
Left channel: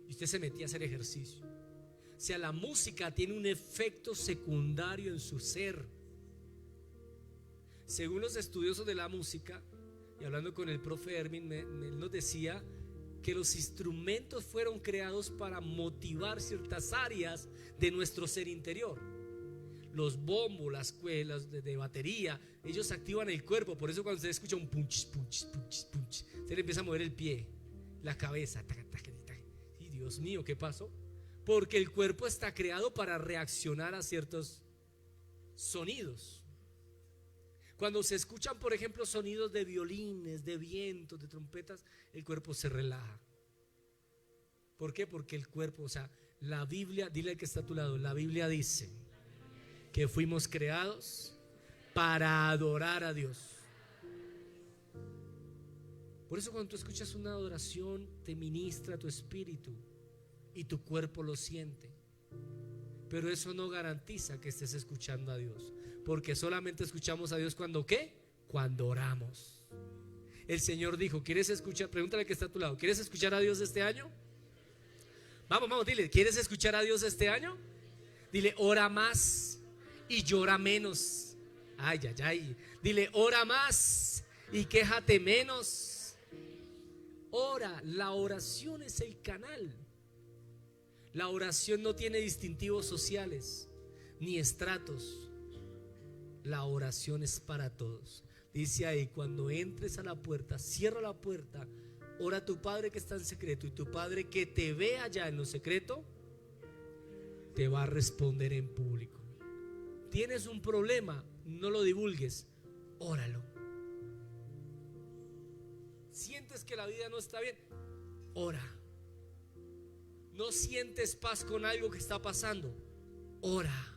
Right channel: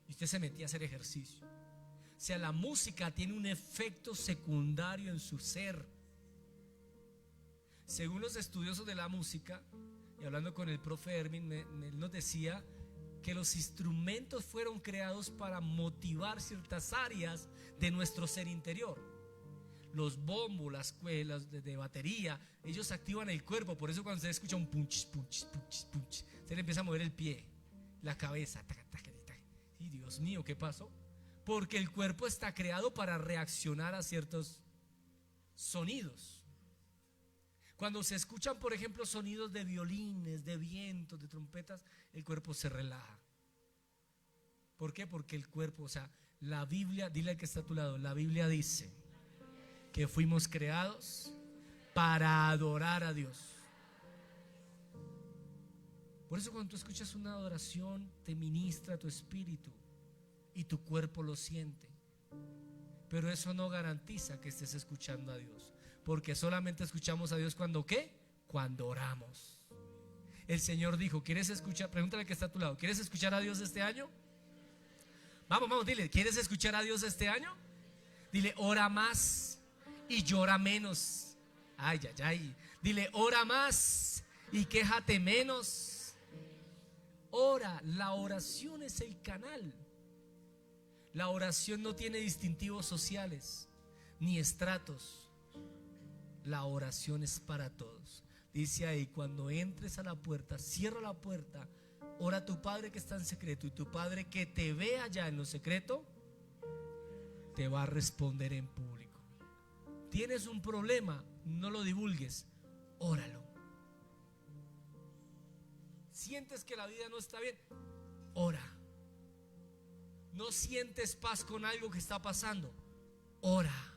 Y usted se metía a hacer ejercicio. O sea, la música tiene un efecto secundario en su ser. Según los estudiosos de la música, y hablando con el profe Hermin, él nos decía que los instrumentos fueron creados para motivar ciertas áreas de nuestro ser interior. Los bombos, las cuerdas de batería, ellos activan el cuerpo. Por eso cuando usted escucha un punch, punch, punch, punch, se le empieza a mover el pie, la cabeza. Y Dios mío, ¿qué pasó? Porque el cuerpo está creado para reaccionar a ciertos sonidos. Cuando se escuchan, por ejemplo, sonidos de violines, de vientos, de trompetas, el cuerpo se relaja. ¿Por qué? Porque el cuerpo, o sea, la Biblia, dile al que está a tu lado, la Biblia dice que fuimos creados para adorar a Dios. Por eso cuando tú escuchas una adoración, te ministra tu espíritu y tu cuerpo lo siente. Pero eso no garantiza que estés escuchando a Dios, Porque solamente escuchamos a Dios cuando ¿qué? Cuando oramos. El Señor dijo, ¿quieres escuchar? Pregúntale que está a tu lado, ¿quieres escuchar a Dios este año? Vamos, dile, ¿quieres escuchar a Dios este año? Dile, ora más y llora menos. Ay. Dile, ora más y quéjate menos. Ora, la oración es el canal. La oración no tiene distintivos sociales ni estratos. La oración es para todos. Dice ahí, cuando entres a la puerta, cierra la puerta, ora a tu Padre que está en secreto, y tu Padre que te ve allá en lo secreto te va a responder en público. Tienes un problema, no lo divulgues, óralo. Sientes que la vida no está bien, ora. No sientes paz con algo que está pasando, ora.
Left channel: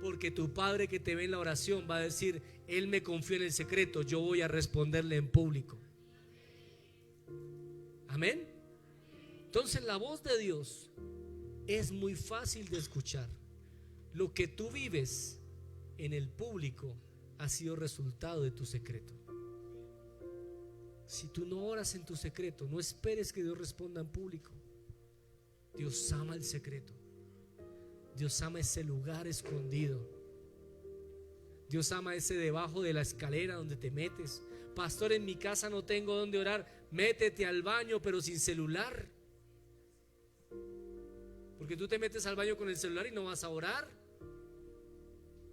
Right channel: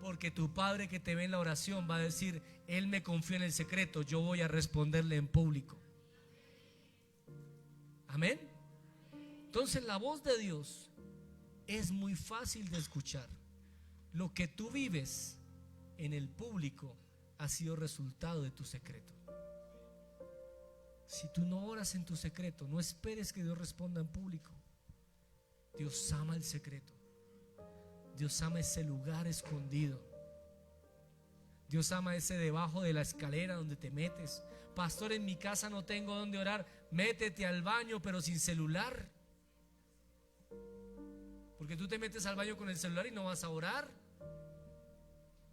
Porque tu Padre que te ve en la oración va a decir, Él me confió en el secreto, yo voy a responderle en público. Amén. Entonces la voz de Dios es muy fácil de escuchar. Lo que tú vives en el público ha sido resultado de tu secreto. Si tú no oras en tu secreto, no esperes que Dios responda en público. Dios ama el secreto. Dios ama ese lugar escondido. Dios ama ese debajo de la escalera donde te metes. Pastor, en mi casa no tengo donde orar. Métete al baño pero sin celular. Porque tú te metes al baño con el celular y no vas a orar.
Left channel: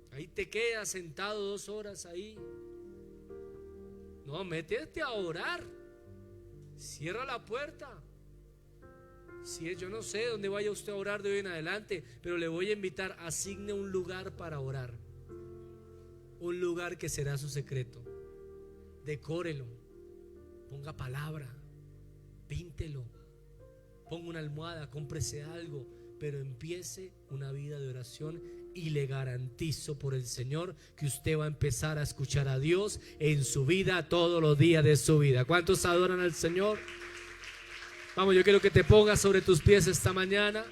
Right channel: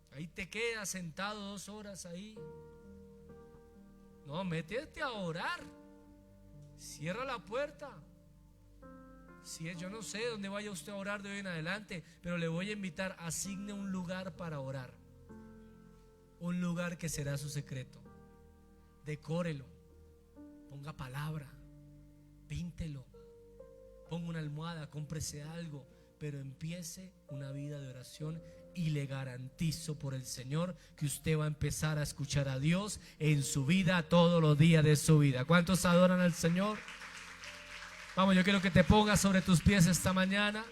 Ahí te quedas sentado 2 horas ahí. No, métete a orar. Cierra la puerta. Si es, yo no sé dónde vaya usted a orar de hoy en adelante, pero le voy a invitar, asigne un lugar para orar. Un lugar que será su secreto. Decórelo. Ponga palabra. Píntelo. Ponga una almohada, cómprese algo, pero empiece una vida de oración y le garantizo por el Señor que usted va a empezar a escuchar a Dios en su vida todos los días de su vida. ¿Cuántos adoran al Señor? Vamos, yo quiero que te pongas sobre tus pies esta mañana.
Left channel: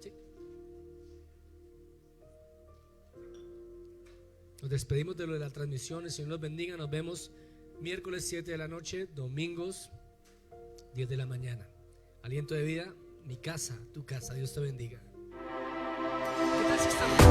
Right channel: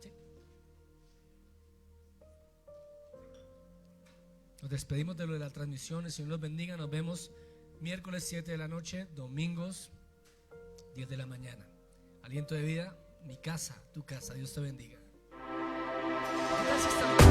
Sí. Nos despedimos de lo de la transmisión. El Señor los bendiga. Nos vemos miércoles 7 de la noche, domingos 10 de la mañana. Aliento de vida, mi casa, tu casa. Dios te bendiga. ¿Qué tal si estamos?